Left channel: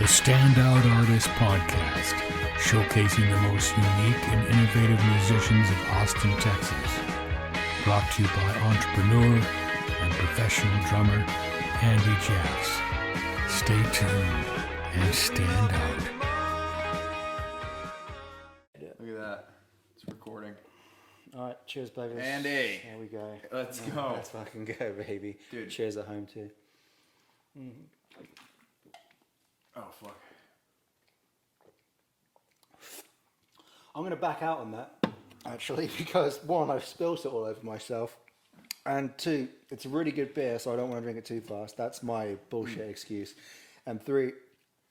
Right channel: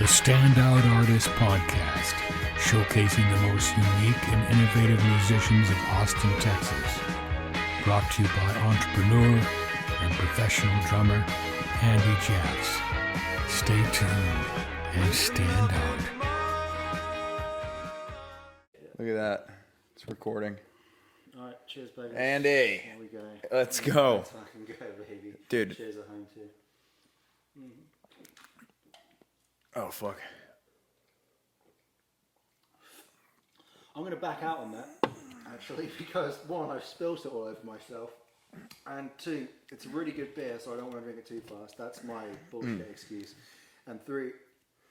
The Standout Artist Podcast, showcasing the most unique and innovative musicians of Austin, Texas. Brought to you by entrepreneur and professional drummer Andy Jeffs. Stay tuned and stand out. Look at that. It's recording. Alright, cheers, baby. Andy. There we go. Let's go. Let's fucking go, baby. Dude. Cheers at home, too. Oh, fuck. I'm going to back out on that, actually, because one, I've spilled it all over myself, and two, it's a really good beer, so I don't want to drink it too fast. That's my bullshit excuse. And three,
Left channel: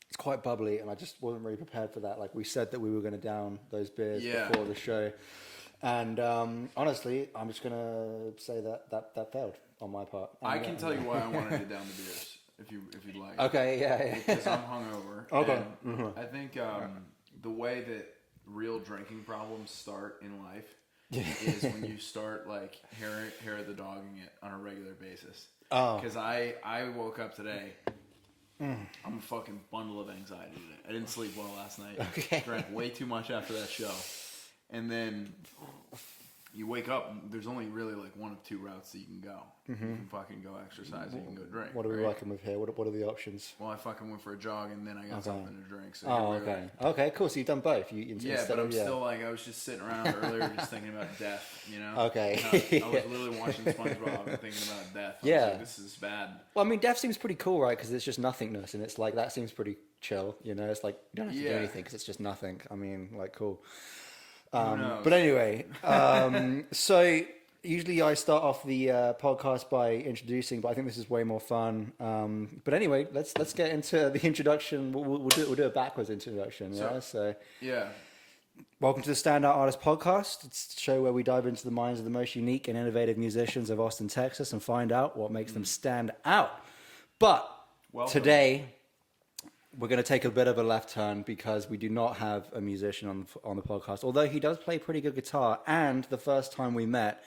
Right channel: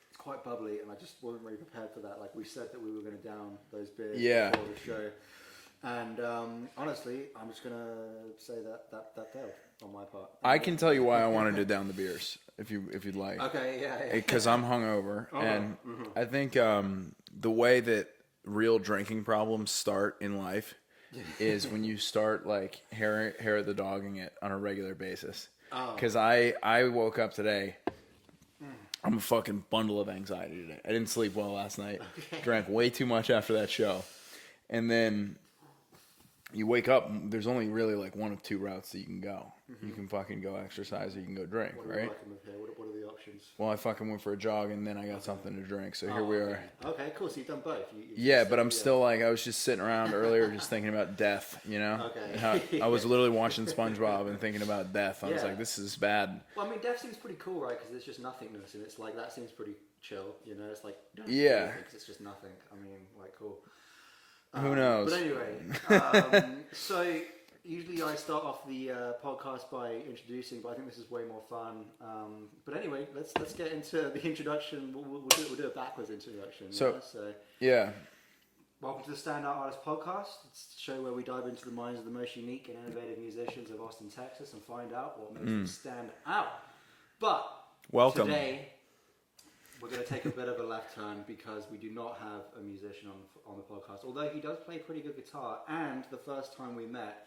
it's quite bubbly, and I just wasn't really prepared for that. Like, we said that we were going to down those beers before the show. And honestly, I'm just going to say that failed on my part. I can tell you why I wanted to down the beers, if you'd like. Okay, yeah. Because I'm hungover. Okay. And I think the way that real drinking problems start in life is when you start like hair the dogging it on a regular basis. Because I woke up today. I'm a fucking bundle of anxiety today. I didn't sleep well last night. Okay. Drank way too much after that show. And then you wake up, there's only really like one of two routes that you can go. You can fucking go exercise or you can go drink. What are we working with here? What are the options? Well, I fucking went for a jog and then I got something to drink. So here Oh, we okay. are. Okay, cool. So you've done both. But I'm still like, I was just sitting around earlier just thinking about death, you know? Okay. I was literally watching SpongeBob and thinking about death. I was like, this is bad. Well, I mean, death seems pretty cool, right? Because it's just nothingness, and it's like, that seems pretty chill, you know? It's like, you don't have to do anything because it's just nothing. I mean, like, cool. Who knows? But anyway, so usually I start off the podcast by introducing, but I think this is way more fun. But anyway, let's get into the introduction. We'll do a backwards introduction. Yeah. Welcome to the Standout Artist Podcast. It's a show where we dive into the minds of the most unique and innovative musicians of Austin, Texas, and find out what makes them stand out. But Welcome. Today, we're going to take a bit of a left turn because we do not have a musician on the podcast, although he does play pretty good guitar. And the first time we met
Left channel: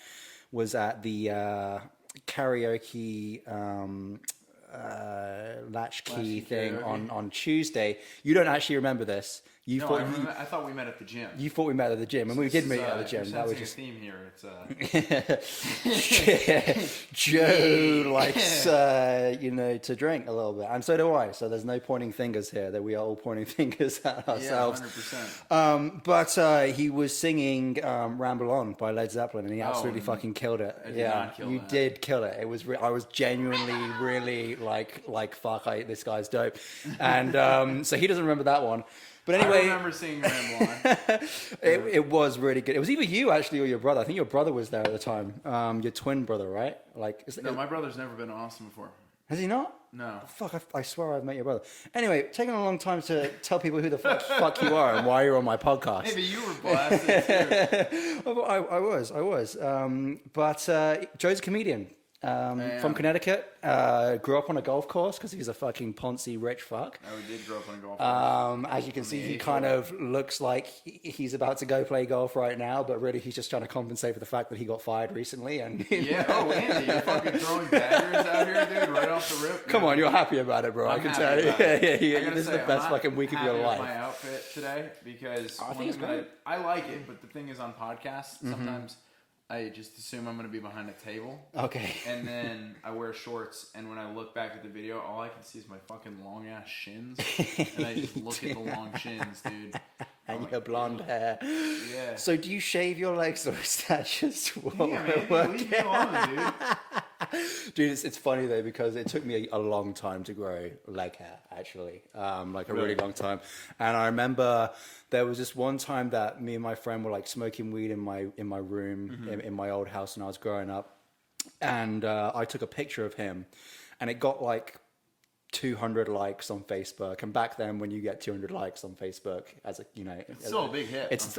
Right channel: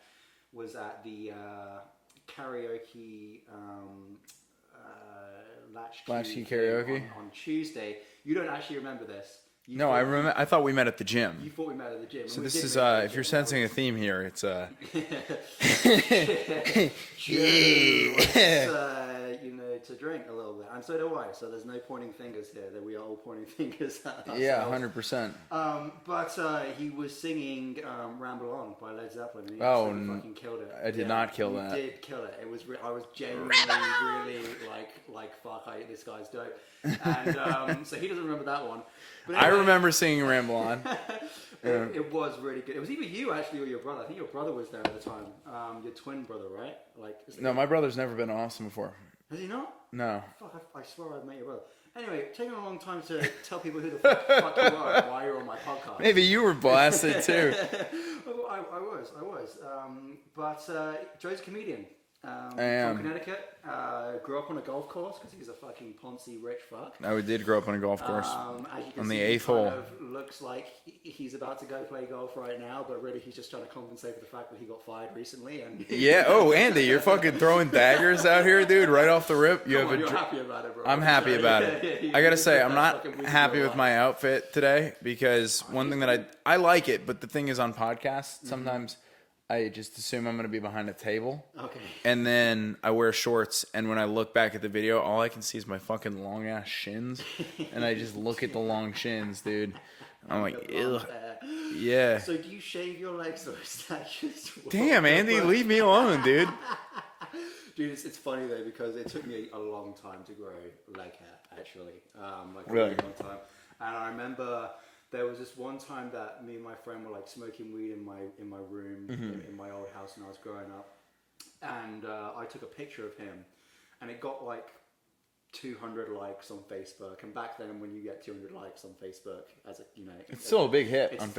was at the karaoke latchkey thing on Tuesday. You don't actually remember this. I remember. I thought we met at the gym. You thought we met at the gym, and So we did meet at the gym. If you're sensing a theme here, it's Joe likes to drink a little bit, and so do I. So there's no pointing fingers here. That we are all pointing fingers at ourselves. Yeah, 100%. But he was singing "Ramble On" by Led Zeppelin, and he absolutely fucking killed it. I did not kill that. You did kill it. It was. I was genuinely really like fuck. This guy's dope, and so he doesn't remember that one. But anyway, I remember singing "Ramble On." it was really good. It was either you actually or your brother. I think your brother was there at the time. Your twin brother, right? No, my brother's never been to Austin before. Has he not? No. Fuck, I swear I've met your brother. Anyway, taking a long time to tell people who the fuck you are and why you're on my podcast. Maybe you were blasted too. I was. But Joe's a comedian. From Connecticut, grew up on a golf course because he's a fucking poncy rich fuck. I did grow up on a golf course. As you can see, he kind of looks like he's about to go play golf right now, but really he's just trying to compensate for the fact that he got fired recently. And yeah. Oh, Andy, you're fucking throwing daggers out here, dude, right off the rip. Come on, you're happy about it, bro. I'm happy about it. Yeah, I gotta say, I'm not happy with my outfit today because one thing that I like it, but the thing is on podcasts, sometimes I just assume I'm going to be behind a table. Okay. And then I wear shorts, and when I look back at the video, all I can see is my fucking long-ass shins. And I just look at the long shins, dude. I'm like, the blonde hair. Yeah. So do you shave your legs, or is that just... Damn, Andy, leave me alone, dude. Dude, it's funny, though, because it took me a long time to grow leg hair, actually. Like a really long time. And I remember... There was this one time that me and my friend were like smoking weed in my room in my old house when I was growing up, and I took a picture of him, and it got like 200 likes on Facebook. And back then, when you get 200 likes on Facebook, it's still a big hit. It's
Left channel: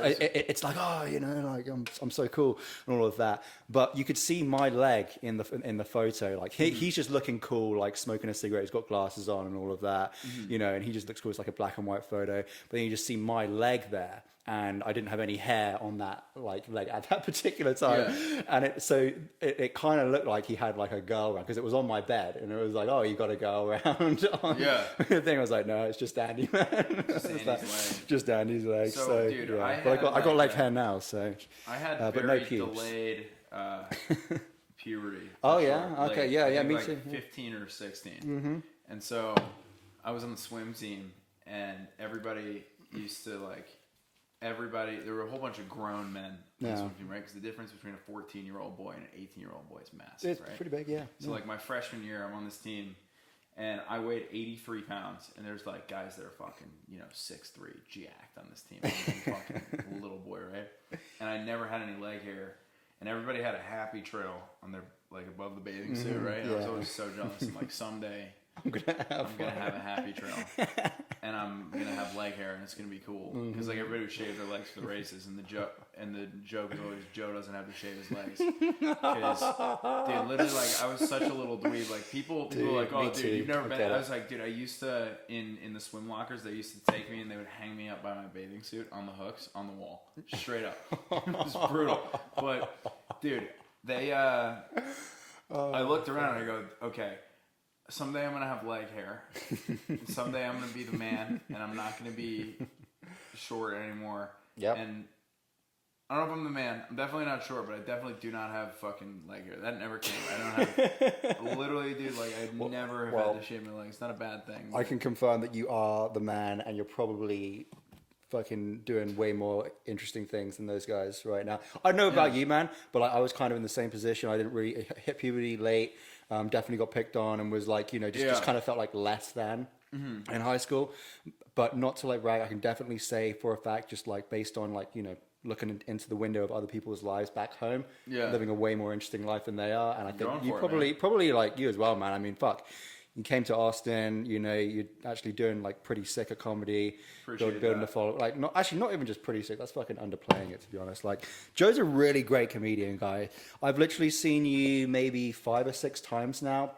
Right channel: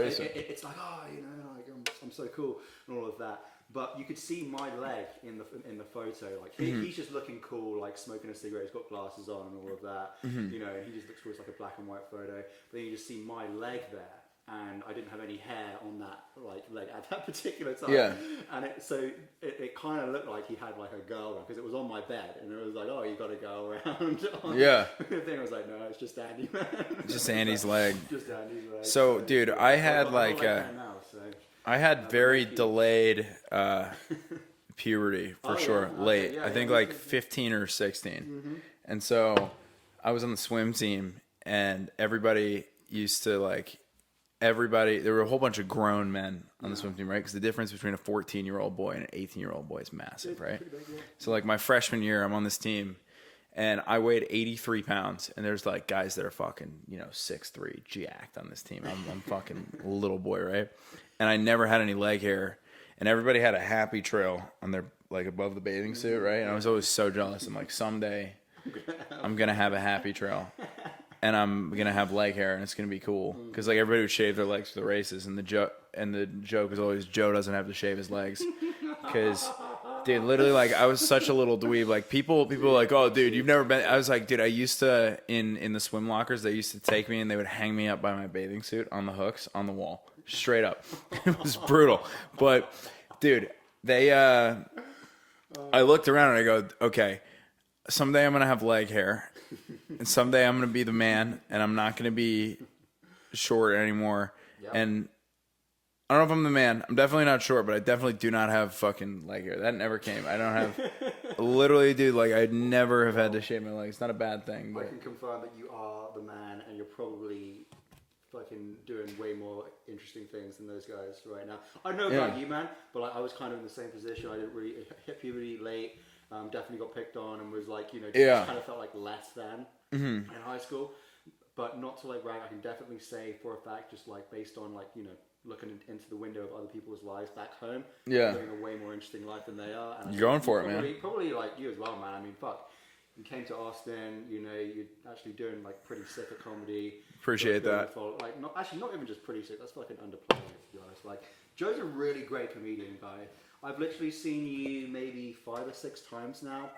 like, oh, like I'm so cool and all of that. But you could see my leg in the photo. Like he's just looking cool, like smoking a cigarette. He's got glasses on and all of that, and he just looks cool. It's like a black and white photo. But then you just see my leg there. and I didn't have any hair on that like leg at that particular time. Yeah. And it kind of looked like he had like a girl around because it was on my bed, and it was like, oh, you got to go around. Yeah. The thing I was like, no, it's just Andy, man. Just Andy's leg. Just Andy's leg. So, dude, yeah. I had I got leg like hair now, so I had very delayed puberty for sure. Okay, Late. yeah, I think me like too. 15 or 16. And so I was on the swim team, and everybody used to like. There were a whole bunch of grown men on the swim team, right? Because the difference between a 14-year-old boy and an 18-year-old boy is massive, it's right? pretty big, yeah. So like my freshman year, I'm on this team, and I weighed 83 pounds, and there's like guys that are fucking 6'3", jacked on this team. I'm fucking a little boy, right? And I never had any leg hair, and everybody had a happy trail on their like above the bathing suit, right? And I was always so jealous. I'm like, someday I'm gonna have a happy trail. And I'm gonna have leg hair, and it's gonna be cool because like everybody would shave their legs for the races, and the joke is always Joe doesn't have to shave his legs because, dude, literally like I was such a little dweeb. Like people were like, oh, dude, you've never been. I was like, dude, I used to in the swim lockers. They used to take me and they would hang me up by my bathing suit on the hooks on the wall, straight up. It was brutal, but dude, they I looked around and I go, okay. Someday I'm going to have leg hair, and someday I'm going to be the man, and I'm not going to be short anymore. Yep. And I don't know if I'm the man. I'm definitely not short, but I definitely do not have fucking leg hair. That never came. I don't have... literally, dude, like, I'd never have had to shave my legs. It's not a bad thing. I can confirm that you are the man, and you're probably fucking doing way more interesting things than those guys right now. I don't know about you, man, but I was kind of in the same position. I didn't really hit puberty late. Definitely got picked on and was like, just kind of felt like less than in high school, but not to like brag. I can definitely say for a fact, just like based on like, looking into the window of other people's lives back home, living a way more interesting life than they are. And You're going for it, man. Probably like you as well, man. I mean, fuck. You came to Austin, you're actually doing like pretty sick at comedy. Appreciate that. Like, not even just pretty sick. That's fucking underplaying it, to be honest. Like, Joe's a really great comedian guy. I've literally seen you maybe 5 or 6 times now.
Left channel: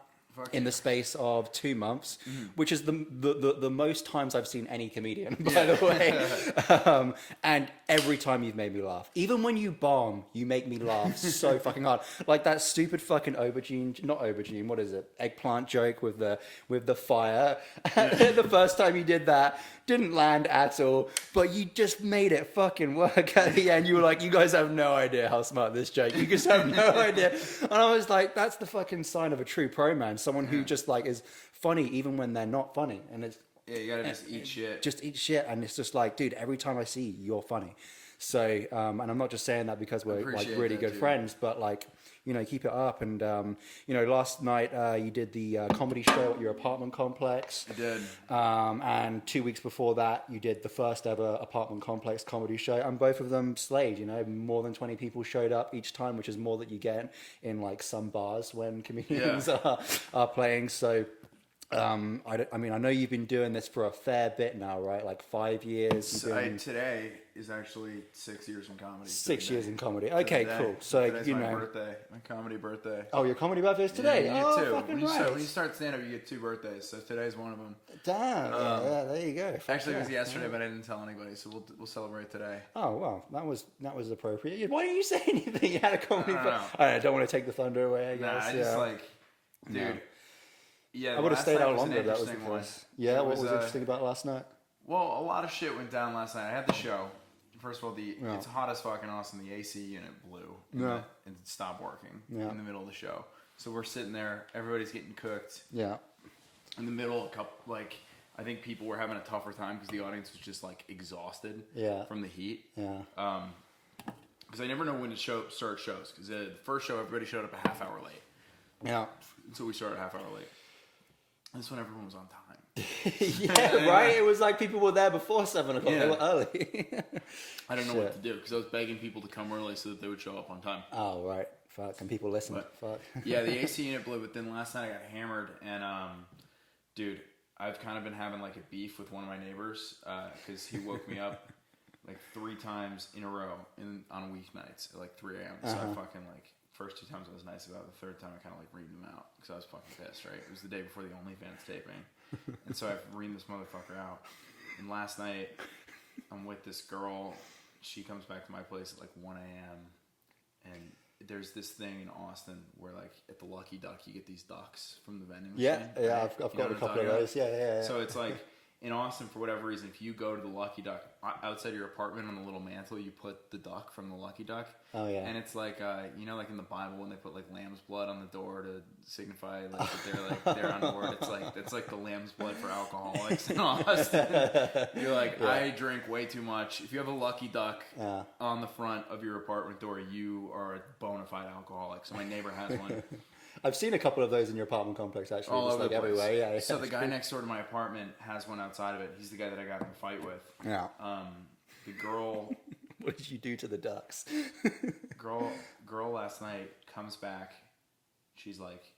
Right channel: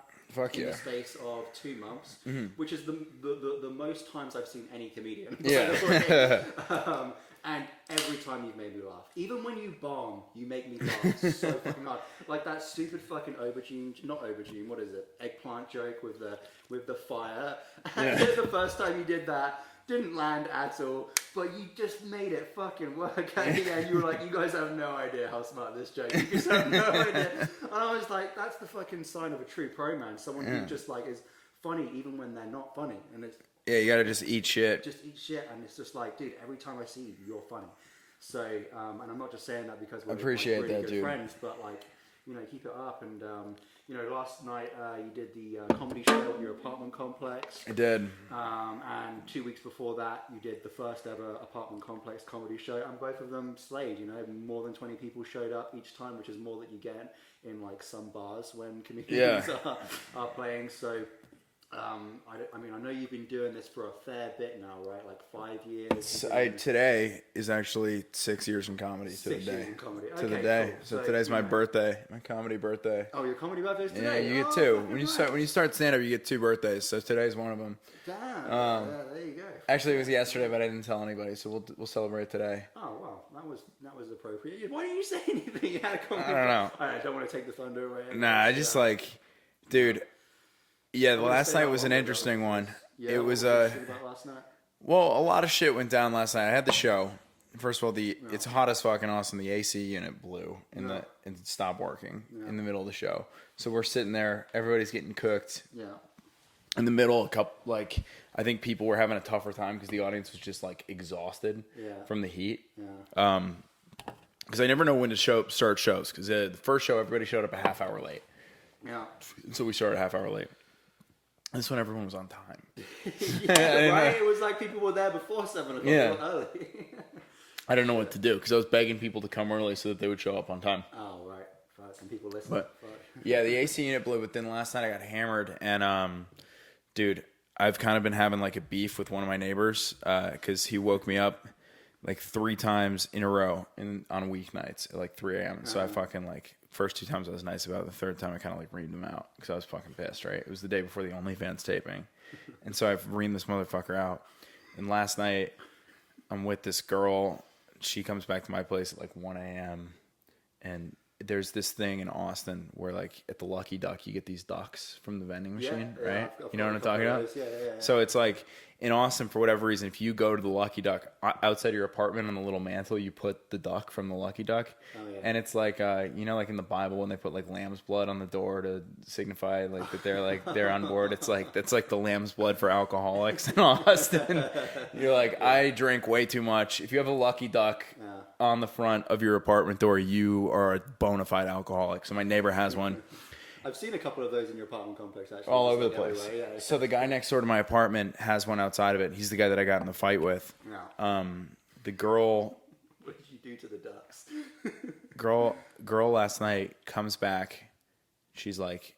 In the space of 2 months, which is the most times I've seen any comedian, by the way. And every time you've made me laugh. Even when you bomb, you make me laugh so fucking hard. Like that stupid fucking not aubergine, what is it? Eggplant joke with the fire. The first time you did that, didn't land at all, but you just made it fucking work at the end. You were like, you guys have no idea how smart this joke. You just have no idea. And I was like, that's the fucking sign of a true pro man. Someone who just like is funny even when they're not funny. And it's you gotta just eat shit. Just eat shit, and it's just like, dude, every time I see you, you're funny. So, and I'm not just saying that because we're like really good dude. friends, but like, keep it up. And, last night you did the comedy show at your apartment complex. I did. And 2 weeks before that, you did the first ever apartment complex comedy show. And both of them slayed, more than 20 people showed up each time, which is more that you get in like some bars when comedians are playing. So, I know you've been doing this for a fair bit now, right? Like 5 years. Today is actually 6 years in comedy. 6 years in comedy. Okay, cool. So today's my birthday, my comedy birthday. Oh, your comedy birthday's today? Yeah, you get 2. When you start stand-up, you get 2 birthdays. So today's one of them. Damn. There you go. Actually, it was yesterday, but I didn't tell anybody. So we'll celebrate today. Oh well, that was appropriate. Why didn't you say anything? You had a comedy. I don't know. I don't want to take the thunder away. I just dude. Yeah, last night was an interesting one. Yeah, it what was interesting about last night? Well, a lot of shit went down last night. I had the show. First of all, it's hot as fucking awesome. The AC unit blew and stopped working in the middle of the show. So we're sitting there. Everybody's getting cooked. Yeah. In the middle, I think people were having a tougher time because the audience was just like exhausted from the heat. Yeah. Because I never know when to start shows. Because the first show, everybody showed up a half hour late. Yeah. So we started a half hour late. This one, everyone was on time. Yeah, right? It was like people were there before 7 o'clock early. I don't know what to do because I was begging people to come early so that they would show up on time. Oh, right. Fuck. And people listen. But, fuck. Yeah, the AC unit blew, but then last night I got hammered. And, dude, I've kind of been having like a beef with one of my neighbors because he woke me up like 3 times in a row on weeknights at like 3 a.m. So I fucking like... First 2 times I was nice about it. The third time I kind of like reamed him out because I was fucking pissed, right? It was the day before the OnlyFans taping. And so I've reamed this motherfucker out. And last night I'm with this girl she comes back to my place at like 1 a.m. and there's this thing in Austin where like at the Lucky Duck you get these ducks from the vending machine. Yeah, right? I've you know got what I'm a couple talking of about? those. Yeah. So it's like in Austin, for whatever reason, if you go to the Lucky Duck outside your apartment on the little mantle, you put the duck from the Lucky Duck. Oh yeah. And it's like like in the Bible when they put like lamb's blood on the door to signify like that they're on board. It's like that's like the lamb's blood for alcoholics in Austin. You're like, I drink way too much. If you have a Lucky Duck on the front of your apartment door, you are a bona fide alcoholic. So my neighbor has one. I've seen a couple of those in your apartment complex, actually. All just over the like place. everywhere, yeah. So the guy next door to my apartment has one outside of it. He's the guy that I got in the fight with. Yeah. The girl... What did you do to the ducks? girl last night comes back. She's like,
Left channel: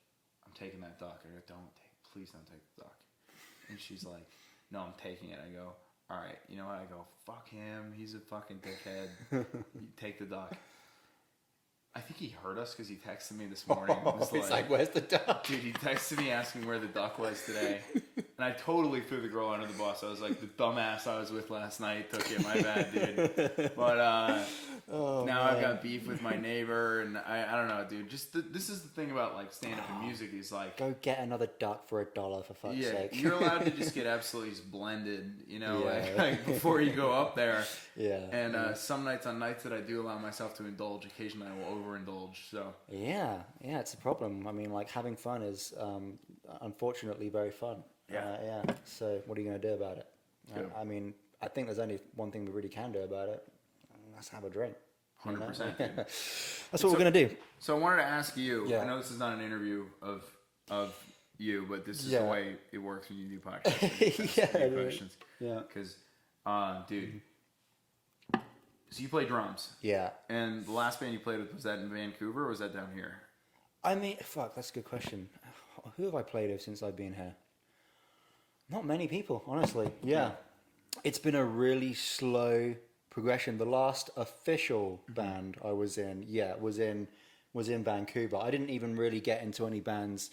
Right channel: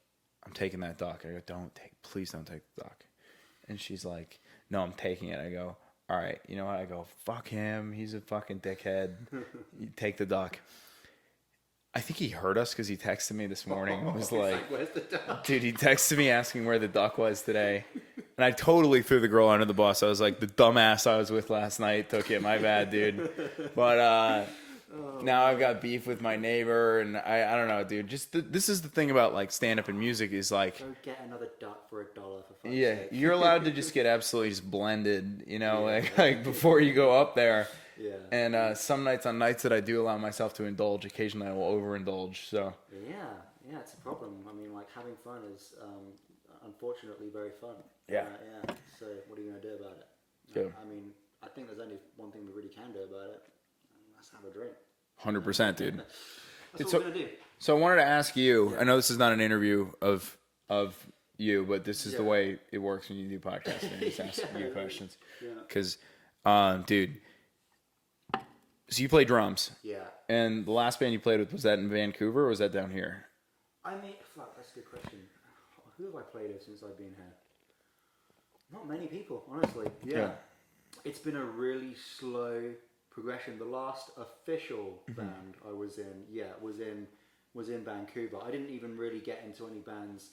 I'm taking that duck. I go, please don't take the duck. And she's like, no, I'm taking it. I go, all right. You know what? I go, fuck him. He's a fucking dickhead. You take the duck. I think he heard us because he texted me this morning. He's like, where's the duck? Dude, he texted me asking where the duck was today. And I totally threw the girl under the bus. I was like, the dumbass I was with last night took it. My bad, dude. But now I've got beef with my neighbor. And I don't know, dude. Just this is the thing about like stand-up and music is like... Go get another duck for $1 for fuck's yeah, sake. you're allowed to just get absolutely just blended, like before you go up there. Yeah. And some nights, on nights that I do allow myself to indulge, occasionally I will overindulge. So yeah, it's a problem. I mean, like having fun is unfortunately very fun. Yeah. So what are you going to do about it? Good. I mean, I think there's only one thing we really can do about it. And that's have a drink. 100%, dude. That's what we're going to do. So I wanted to ask you. Yeah. I know this is not an interview of you, but this is the way it works when you do podcasts. You questions. Yeah. Because, dude. So you play drums. Yeah. And the last band you played with, was that in Vancouver or was that down here? I mean, fuck, that's a good question. Who have I played with since I've been here? Not many people, honestly. Yeah. It's been a really slow progression. The last official band I was in, was in Vancouver. I didn't even really get into any bands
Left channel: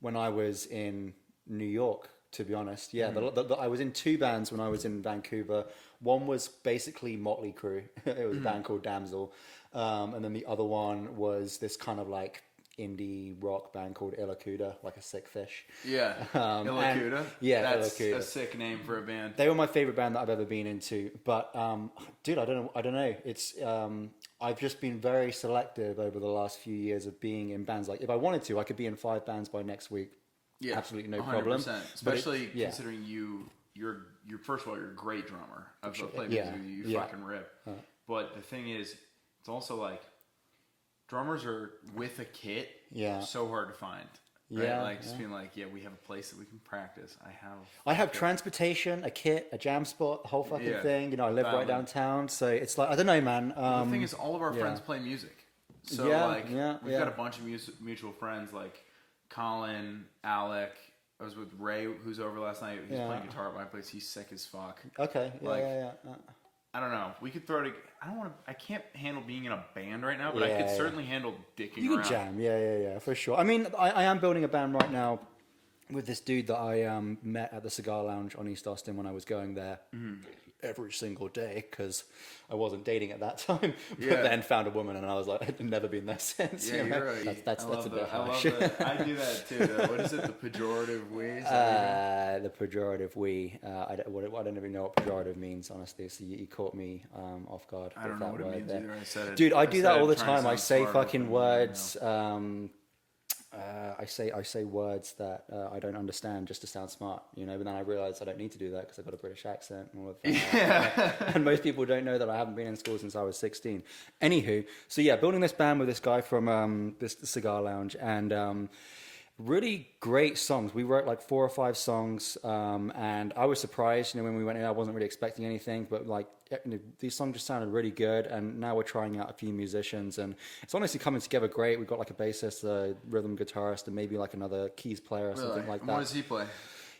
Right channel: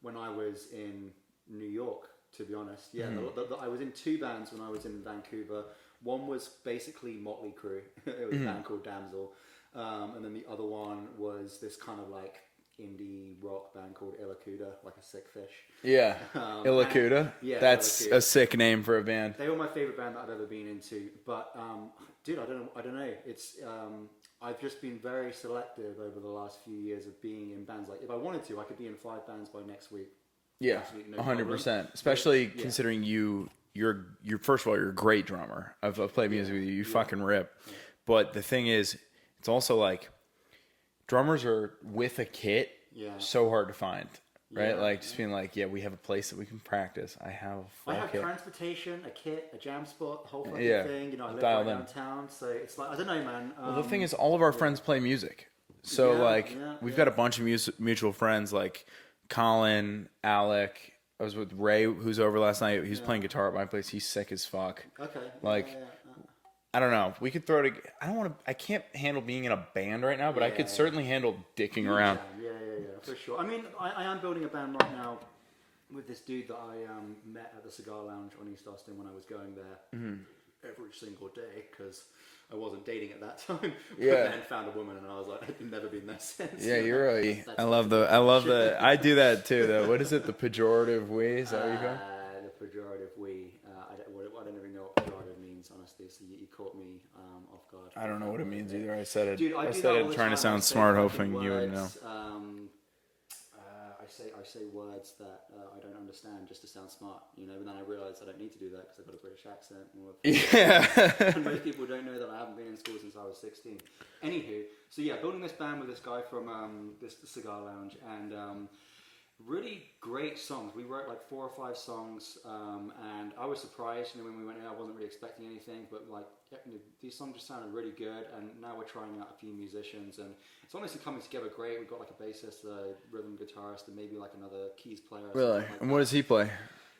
when I was in New York, to be honest. Yeah, I was in 2 bands when I was in Vancouver. One was basically Motley Crue. It was a band called Damsel. And then the other one was this kind of like indie rock band called Illacuda, like a sick fish. Yeah. Illacuda? Yeah. That's Illacuda. a sick name for a band. They were my favorite band that I've ever been into. But, dude, I don't know. It's, I've just been very selective over the last few years of being in bands. Like if I wanted to, I could be in 5 bands by next week. Yeah. Absolutely no 100%. problem. Especially considering you're first of all, you're a great drummer. I've played music with you. You fucking rip. Right. But the thing is, it's also like drummers are with a kit. So hard to find. Right? Yeah, like just being like, we have a place that we can practice. I have transportation, a kit, a jam spot, the whole fucking thing. You know, I live right downtown, so it's like I don't know, man. Well, the thing is, all of our friends play music. So we've got a bunch of mutual friends like Colin, Alec. I was with Ray, who's over last night. He was playing guitar at my place. He's sick as fuck. Okay. I don't know. We could throw it. I can't handle being in a band right now, but I could certainly handle dicking around. Jam. Yeah, for sure. I mean, I am building a band right now with this dude that I met at the Cigar Lounge on East Austin when I was going there every single day because I wasn't dating at that time. But then found a woman and I was like, I've never been there since. Yeah, you're right. I love the. I do that too. What is it? The pejorative we? Is that what you go? The pejorative we. I don't even know what pejorative means, honestly. So you caught me off guard. I don't know what it means either. I said it. Dude, I do that all the time. I say smart, fucking words. I say words that I don't understand just to sound smart, but then I realize I don't need to do that because I've got a British accent. And most people don't know that I haven't been in school since I was 16. Anywho, so building this band with this guy from this Cigar Lounge and really great songs. We wrote like 4 or 5 songs and I was surprised, when we went in, I wasn't really expecting anything, but like these songs just sounded really good, and now we're trying out a few musicians and it's honestly coming together great. We've got like a bassist, a rhythm guitarist, and maybe like another keys player or something like that. And what does he play?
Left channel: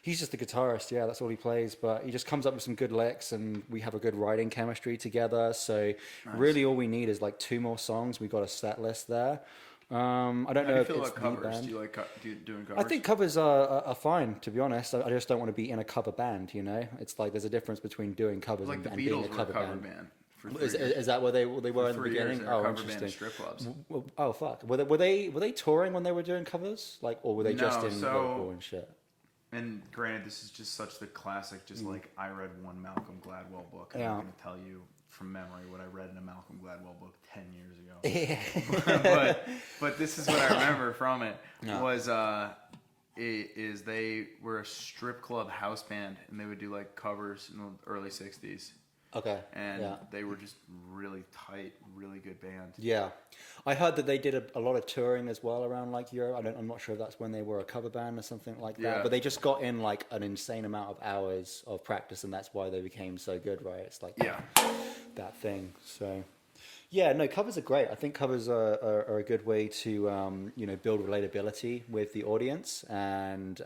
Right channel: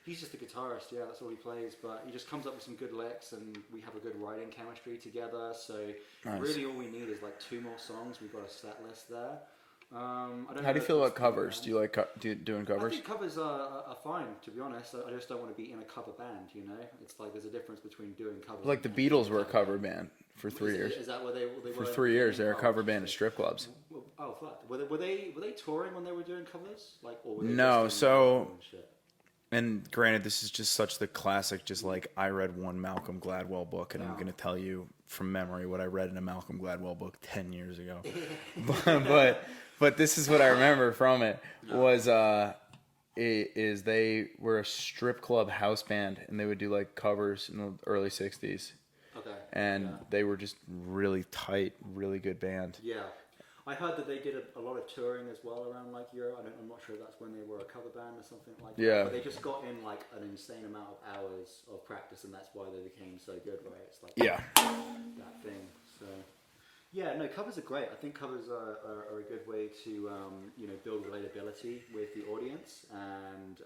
He's just a guitarist, that's all he plays, but he just comes up with some good licks and we have a good writing chemistry together, so really all we need is like 2 more songs. We've got a set list there. I don't know. How do you feel about covers? Do you like doing covers? I think covers are fine, to be honest. I just don't want to be in a cover band, It's like there's a difference between doing covers like and the Beatles being were a cover band for 3 years. Is that where they were? For in 3 the years, they beginning? were a cover band in strip clubs. Oh fuck! Were they touring when they were doing covers? Like, or were they No, just in so- Liverpool and shit? And granted, this is just such the classic, just like I read one Malcolm Gladwell book, and I'm going to tell you from memory what I read in a Malcolm Gladwell book 10 years ago. but this is what I remember from it was is they were a strip club house band, and they would do like covers in the early 60s. Okay. And they were just really tight, really good band. Yeah. I heard that they did a lot of touring as well around like Europe. I'm not sure if that's when they were a cover band or something like that. Yeah. But they just got in like an insane amount of hours of practice, and that's why they became so good, right? It's like that thing. So yeah, no, covers are great. I think covers are a good way to build relatability with the audience, and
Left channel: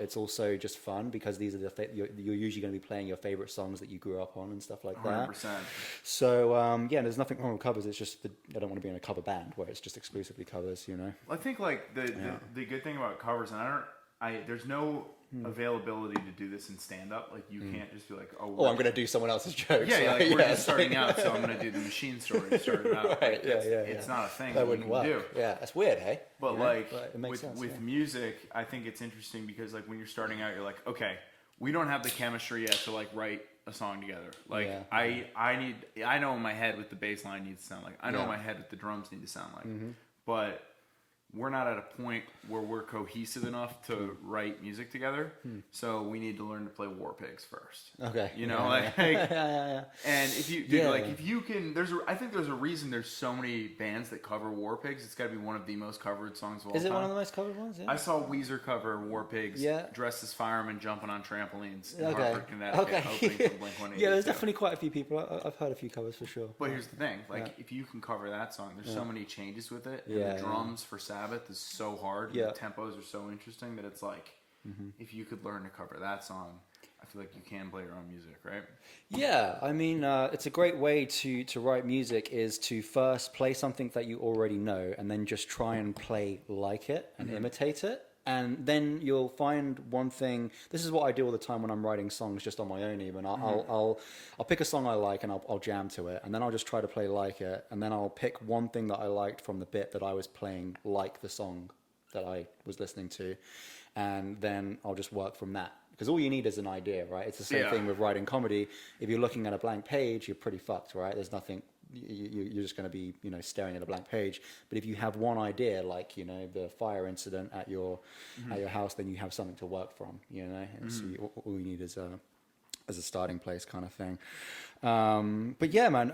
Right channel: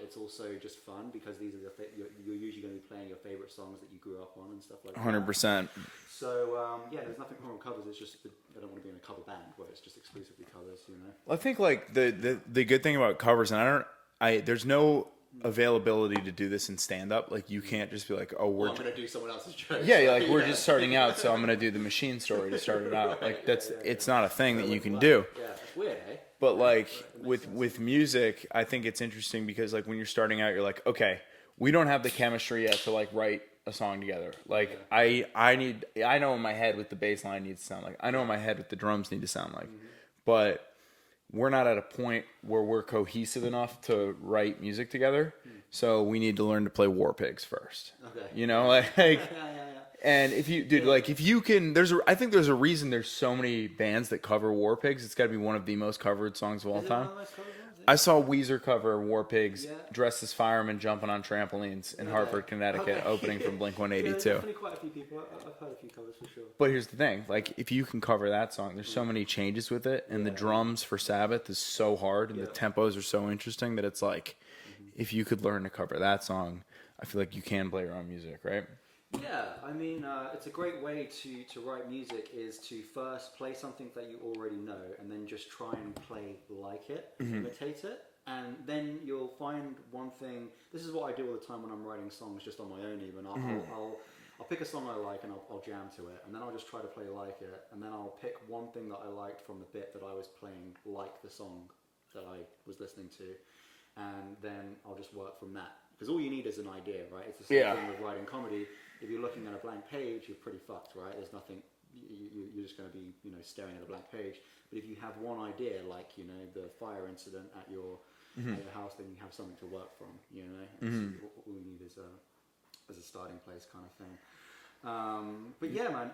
it's also just fun because these are you're usually going to be playing your favorite songs that you grew up on and stuff like that. 100%. So there's nothing wrong with covers. It's just I don't want to be in a cover band where it's just exclusively covers, you know. I think like the good thing about covers, and there's no availability to do this in stand-up. Like you can't just be like, I'm going to do someone else's jokes. Yeah, like we're just starting out, so I'm going to do the Machine Story to start it out. Like it's not a thing that you can do. Yeah, that's weird, hey? But like with with music, I think it's interesting because like when you're starting out, you're like, okay, we don't have the chemistry yet to like write a song together. Like I know in my head what the bass line needs to sound like. I know in my head what the drums need to sound like. But we're not at a point where we're cohesive enough to write music together. So we need to learn to play War Pigs first. Okay. You know, and if you, dude, like if you can, I think there's a reason there's so many bands that cover War Pigs. It's got to be one of the most covered songs of all time. Is it one of the most covered ones? Yeah. I saw Weezer cover War Pigs dressed as firemen jumping on trampolines in Hartford, Connecticut, opening from Blink-182. Yeah, there's definitely quite a few people. I've heard a few covers for sure. But here's the thing, like if you can cover that song, there's so many changes with it, and the drums for Sabbath is so hard, and the tempos are so interesting that it's like, if you could learn to cover that song, I feel like you can play your own music, right? Yeah, I mean, it's a great way to write music is to first play something that you already know, and then just try and play like it and imitate it. And then you'll find one thing. This is what I do all the time when I'm writing songs, just on my own. Even I'll pick a song I like and I'll jam to it, and then I'll just try to play like it, and then I'll pick one thing that I liked from the bit that I was playing, like the song that I was listening to, and then I'll just work from that. Because all you need is an idea, right? It's the same thing with writing comedy. If you're looking at a blank page, you're pretty fucked, right? There's nothing. You're just going to be, staring at a blank page. But if you have one idea, like the fire incident at your house, then you have something to work from. So all you need is a starting place, kind of thing. But yeah, man,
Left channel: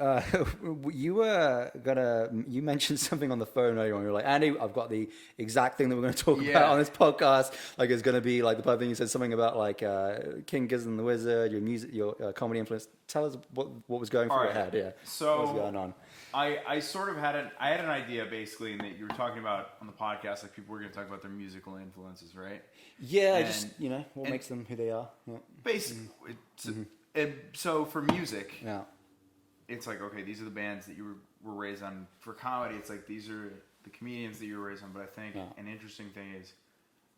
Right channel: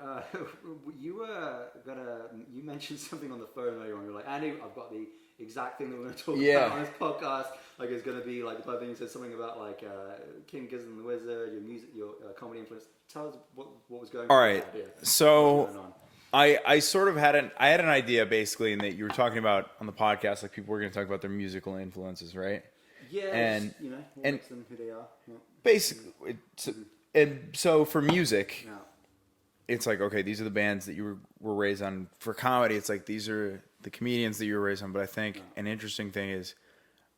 you mentioned something on the phone earlier on. You're like, Andy, I've got the exact thing that we're going to talk about on this podcast. Like, it's going to be like the perfect thing. You said something about like King Gizzard and the Wizard, your music, your comedy influence. Tell us what was going on. Ahead. Yeah. So I sort of had an idea basically in that you were talking about on the podcast, like people were going to talk about their musical influences, right? Yeah, and what makes them who they are. Yeah. Basically, and so for music, it's like, okay, these are the bands that you were raised on. For comedy, it's like these are the comedians that you were raised on. But I think an interesting thing is,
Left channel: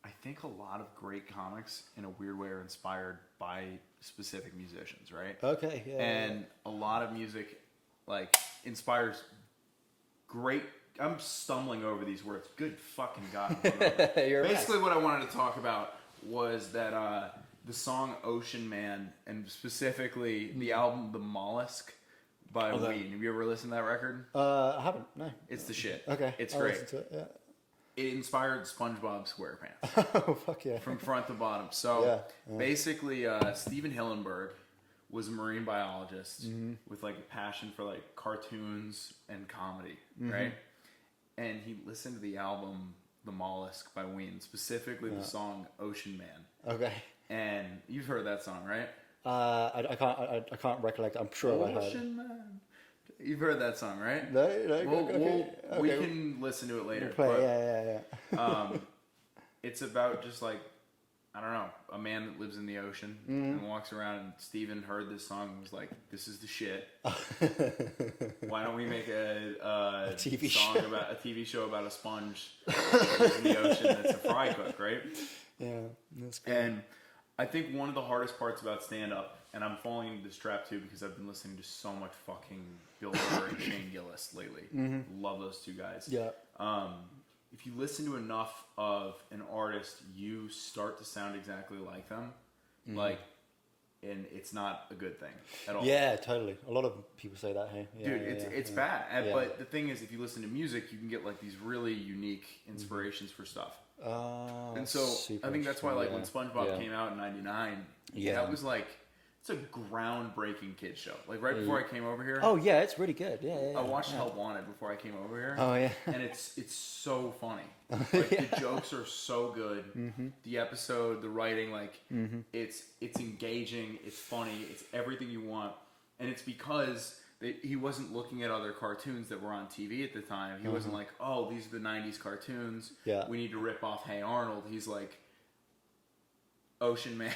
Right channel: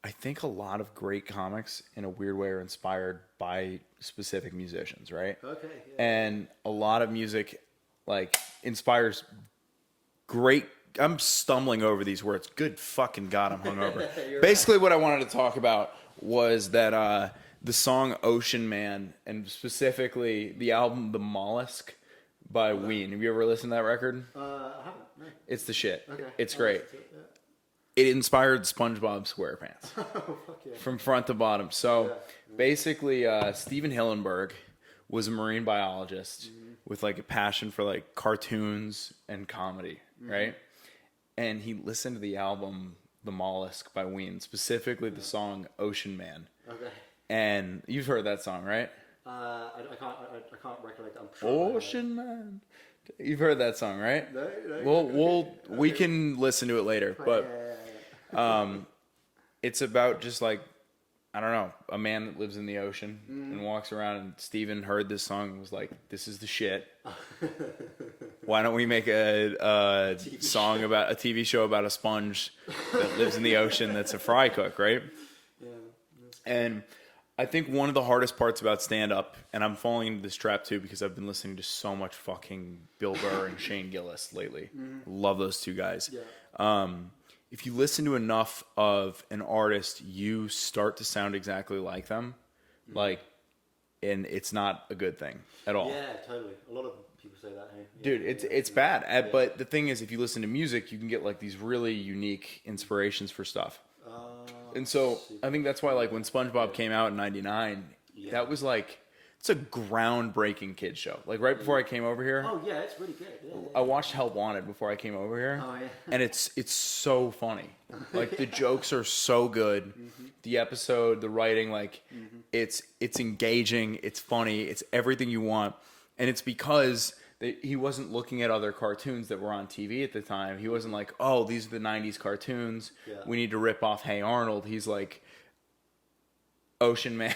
I think a lot of great comics, in a weird way, are inspired by specific musicians, right? Okay. Yeah, and a lot of music, like, inspires great. I'm stumbling over these words. Good fucking God, I'm hungover. Basically, what I wanted to talk about was that the song Ocean Man, and specifically the album The Mollusk by Ween. Have you ever listened to that record? I haven't, no. It's the shit. Okay. It's great. It inspired SpongeBob SquarePants. Oh, fuck yeah. From front to bottom. So basically, Steven Hillenburg was a marine biologist with like a passion for like cartoons and comedy, right? And he listened to the album The Mollusk by Ween, specifically the song Ocean Man. Okay. And you've heard that song, right? I can't recollect. I'm sure. Ocean Man. You've heard that song, right? No. We can listen to it later. Yeah. It's about just like, I don't know, a man that lives in the ocean and walks around. And Steven heard this song and was like, "This is the shit. Why don't we make a TV show about a sponge that lives in the ocean that's a fry cook, right?" Yeah. And I think one of the hardest parts about stand-up, and I'm falling into this trap too because I've been listening to so much fucking Bill Burr and Shane Gillis lately. Love those two guys. Yeah. If you listen to enough of an artist, you start to sound exactly like them. And it's not a good thing at all. Yeah, totally. A lot of people say that, hey? Yeah, Dude, it's bad. But the thing is, if you listen to music, you can get like these really unique inspirations for stuff. And so I think that's why, like, when SpongeBob came out in '99, that was like, it's a groundbreaking kids show. Like right before I came over here. Oh yeah, it's really good. Yeah. I watched Help Wanted before I came over here. Oh yeah. And it's so funny. Like the jokes are so good. The episode, the writing, like it's engaging. It's funny. It's everything you want. And it's because he wasn't looking at other cartoons that were on TV at the time. He wasn't like, oh, these are the 90s cartoons. Yeah. We need to rip off Hey Arnold. He's like, Ocean Man,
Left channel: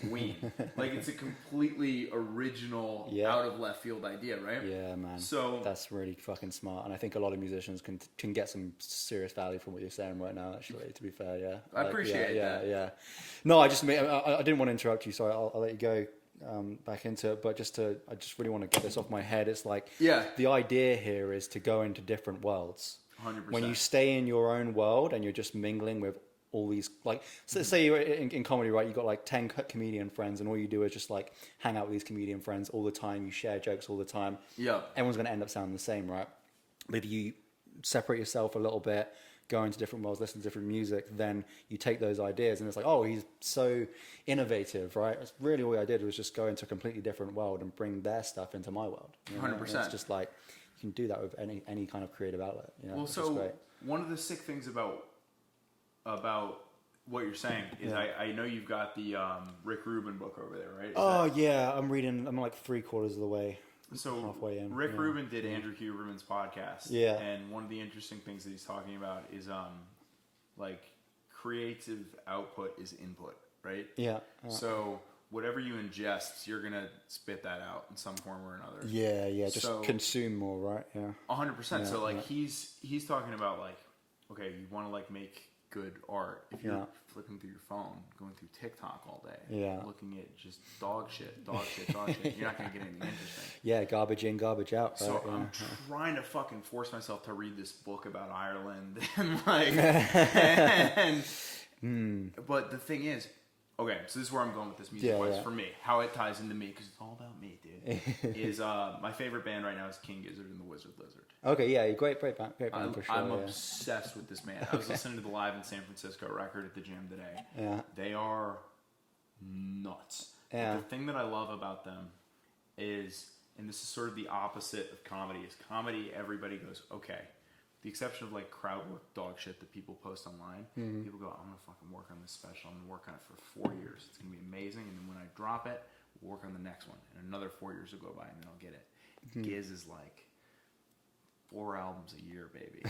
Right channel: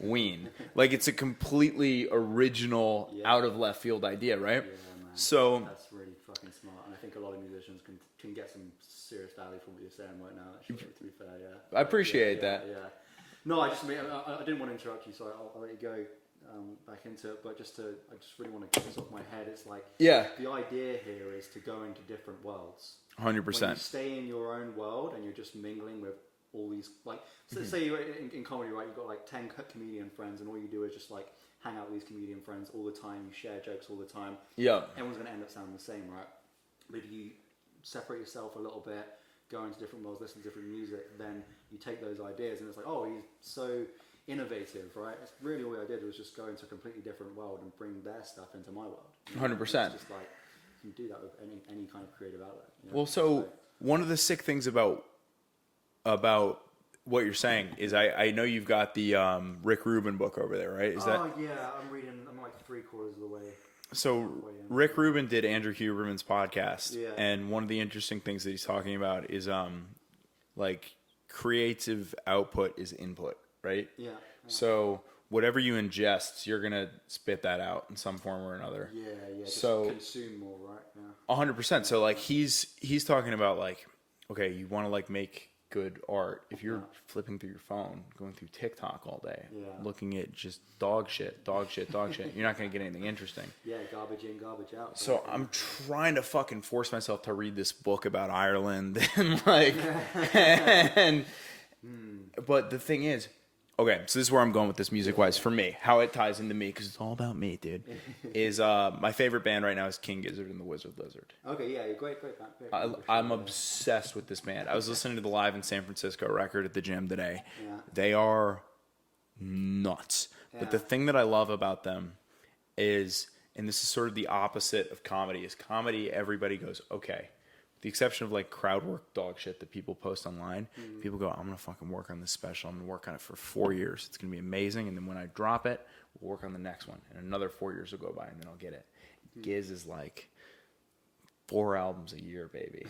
Ween. Like, it's a completely original, out of left field idea, right? Yeah, man. So that's really fucking smart. And I think a lot of musicians can get some serious value from what you're saying right now, actually, to be fair, yeah. I appreciate that. Yeah. No, I didn't want to interrupt you, so I'll let you go. Back into it, but I just really want to get this off my head. It's like, the idea here is to go into different worlds. 100%. When you stay in your own world and you're just mingling with all these, like, so say you're in comedy, right? You've got like 10 comedian friends, and all you do is just like hang out with these comedian friends all the time. You share jokes all the time. Yeah. Everyone's going to end up sounding the same, right? But if you separate yourself a little bit, go into different worlds, listen to different music, then you take those ideas and it's like, oh, he's so innovative, right? It's really all I did was just go into a completely different world and bring their stuff into my world. 100%. It's just like, you can do that with any kind of creative outlet. Well, so one of the sick things about what you're saying is I know you've got the Rick Rubin book over there, right? Yeah, I'm like 3/4 of the way. So Rick Rubin did Andrew Huberman's podcast. Yeah. And one of the interesting things that he's talking about is like creative output is input, right? Yeah. So whatever you ingest, you're going to spit that out in some form or another. Yeah. Just consume more, right? Yeah. 100%. So like he's talking about like, okay, you want to like make good art. If you're flipping through your phone, going through TikTok all day, looking at just dog shit, you're not going to get anything interesting. Yeah, garbage in, garbage out. Right? So I'm trying to fucking force myself to read this book about Ireland and like, but the thing is, okay, so this is where I'm going with this music-wise for me. How it ties into me, because it's all about me, dude, is my favorite band right now is King Gizzard and the Wizard Lizard. Okay, yeah, great band. I'm obsessed with this band. I was listening to the Live in San Francisco record at the gym today. Yeah. They are nuts. Yeah. But the thing that I love about them is, and this is sort of the opposite of comedy, is comedy, everybody goes, okay. The exception of like crowd work dog shit that people post online, people go, I'm going to fucking work on this special. I'm going to work on it for 4 years. It's going to be amazing. And then when I drop it, we'll work on the next one. And another 4 years will go by and then I'll get it. Giz is like 4 albums a year, baby.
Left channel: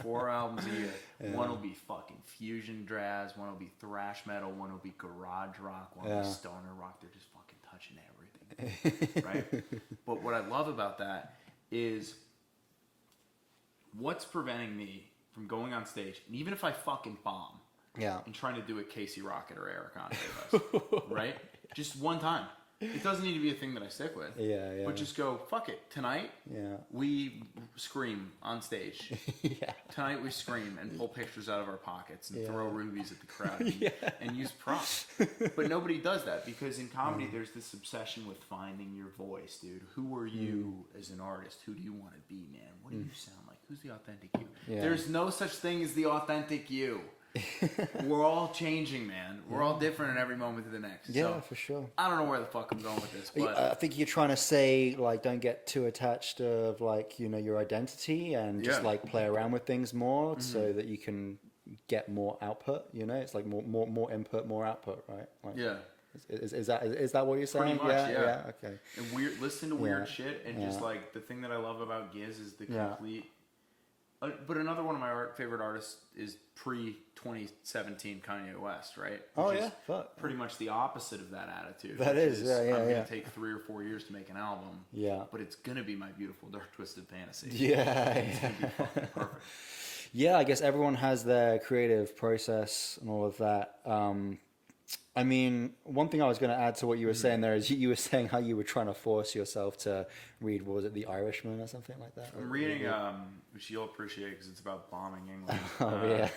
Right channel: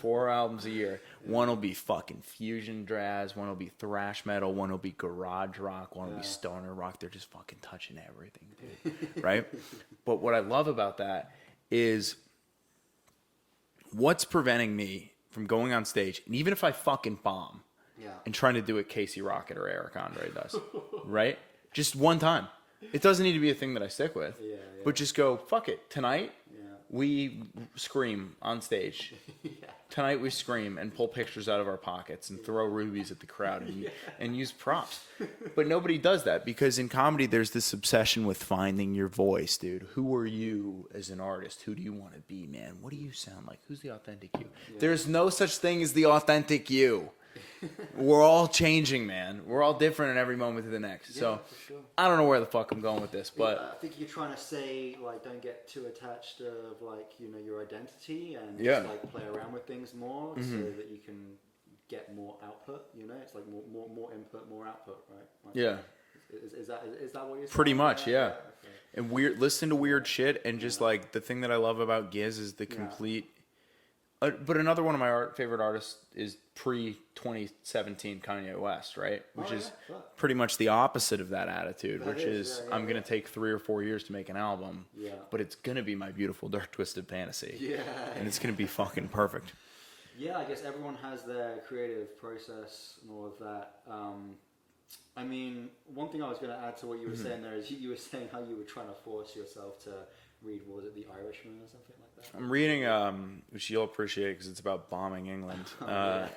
4 albums a year. One will be fucking fusion jazz. One will be thrash metal. One will be garage rock. One will be stoner rock. They're just fucking touching everything. Right? But what I love about that is, what's preventing me from going on stage, and even if I fucking bomb, and trying to do it Casey Rocket or Eric Andre does, right? Just one time. It doesn't need to be a thing that I stick with. But just go, fuck it. Tonight, we scream on stage. Tonight we scream and pull pictures out of our pockets and throw rubies at the crowd and use props. But nobody does that, because in comedy there's this obsession with finding your voice, dude. Who are you as an artist? Who do you want to be, man? What do you sound like? Who's the authentic you? There's no such thing as the authentic you. We're all changing, man. We're all different in every moment to the next. So, for sure. I don't know where the fuck I'm going with this, but I think you're trying to say, like, don't get too attached of, like, you know, your identity, and just like play around with things more so that you can get more output. You know, it's like more input, more output, right? Like, Is that what you're saying? Pretty much, yeah. Okay. And listen to weird shit, and just like the thing that I love about Giz is the complete. But another one of my favorite artists is pre-2017 Kanye West, right? Which is pretty much the opposite of that attitude, which is I'm going to take 3 or 4 years to make an album, but it's going to be my beautiful Dark Twisted Fantasy. And it's going to be fucking perfect. Yeah, I guess everyone has their creative process and all of that. I mean, one thing I was going to add to what you were saying there is you were saying how you were trying to force yourself to read, what was it, The Irishman or something like that? I'm reading, which you'll appreciate because it's about bombing England. Yeah.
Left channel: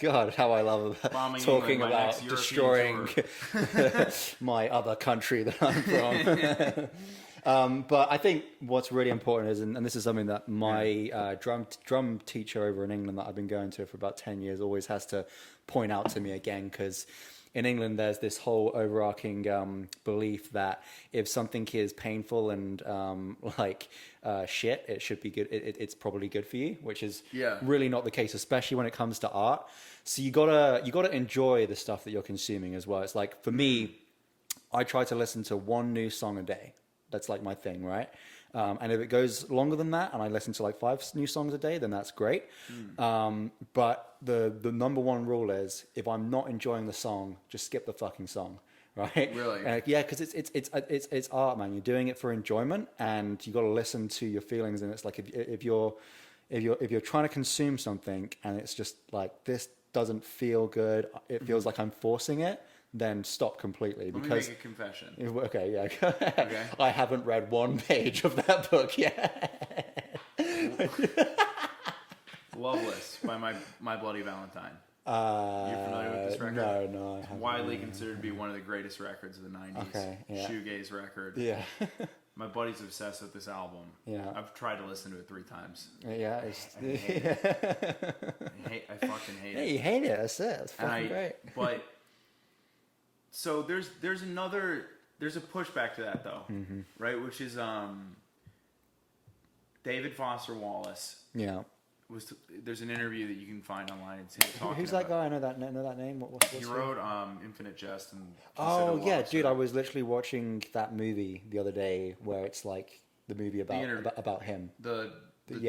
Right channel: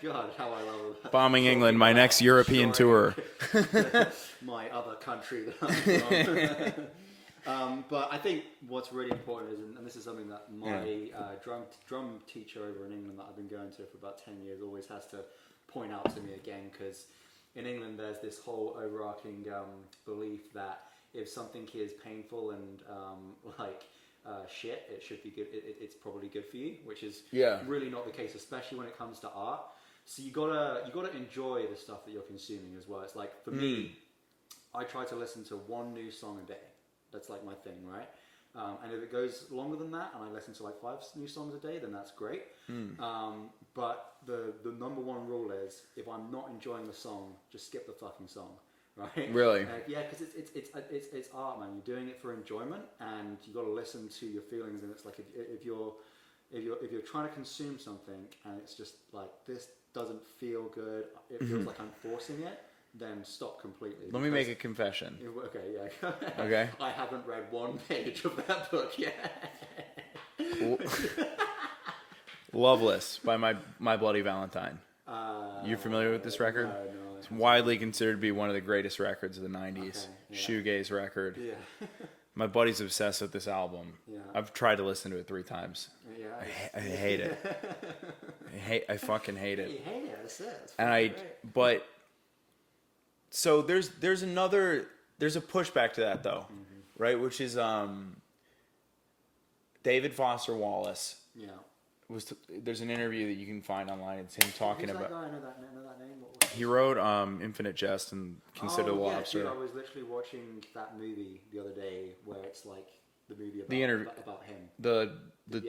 God, how I love bombing talking England, my about next European tour. My other country that I'm from. But I think what's really important is, and this is something that my drum teacher over in England that I've been going to for about 10 years always has to point out to me again, because in England there's this whole overarching belief that if something is painful and shit, it should be good. It's probably good for you, which is really not the case, especially when it comes to art. So you gotta enjoy the stuff that you're consuming as well. It's like, for me, I try to listen to one new song a day. That's like my thing, right? And if it goes longer than that, and I listen to like 5 new songs a day, then that's great. But the number one rule is, if I'm not enjoying the song, just skip the fucking song, right? Really? Yeah, because it's art, man. You're doing it for enjoyment, and you got to listen to your feelings. And it's like, if you're trying to consume something and it's just like, this doesn't feel good, it feels like I'm forcing it, then stop completely. Let me make a confession. Okay, yeah. Okay. I haven't read one page of that book yet. Loveless by My Bloody Valentine. You familiar with this record? No. It's widely considered to be one of the greatest records of the 90s. Okay, yeah. Shoegaze record. Yeah. My buddy's obsessed with this album. Yeah. I've tried to listen to it 3 times. Yeah. I hate it. I fucking hate it. You hate it, that's it. That's And great. But so there's a pushback to that though, right? Which is David Foster Wallace. Yeah. There's an interview that you can find online. It's him talking Who's about. that guy? I know that name. What's He wrote Infinite Jest and Consider Oh yeah, Lost. dude! I was literally watching that movie the other day, where it's like the movie about him. The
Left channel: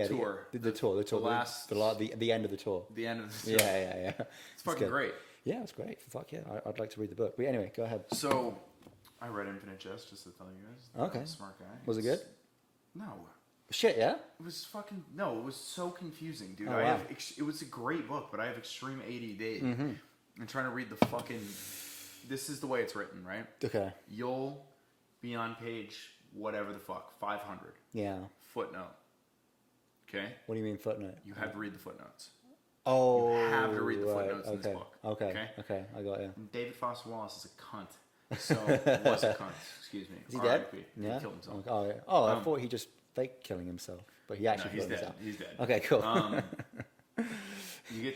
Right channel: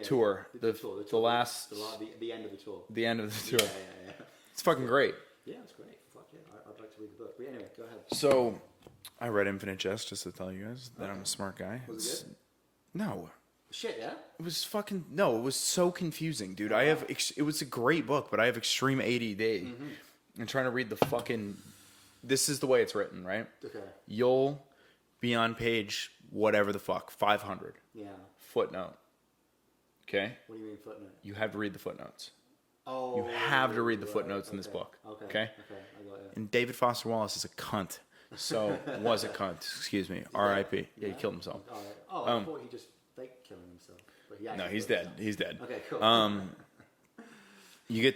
tour. The tour. The end of the tour. The end of the tour. Yeah. It's fucking great. Yeah, it's great. Fuck yeah, I'd like to read the book. But anyway, go ahead. So, I read Infinite Jest just to tell you guys that Okay. I'm a smart guy. Was it good? No. Shit, yeah. It was fucking no. It was so confusing, dude. Oh, I wow. have. It was a great book, but I have extreme ADD. I'm trying to read the fucking. This is the way it's written, right? Okay. You'll be on page whatever the fuck 500. Yeah. Footnote. Okay. What do you mean footnote? You have to read the footnotes. Oh. You have to read the right, footnotes in this okay, book. Okay. I got you. And David Foster Wallace is a cunt. So was a cunt. Excuse me. R.I.P. Yeah? He killed himself. Oh, yeah. I thought he just faked killing himself, but he actually. No, he's killed dead. himself. He's dead. Okay, cool. You get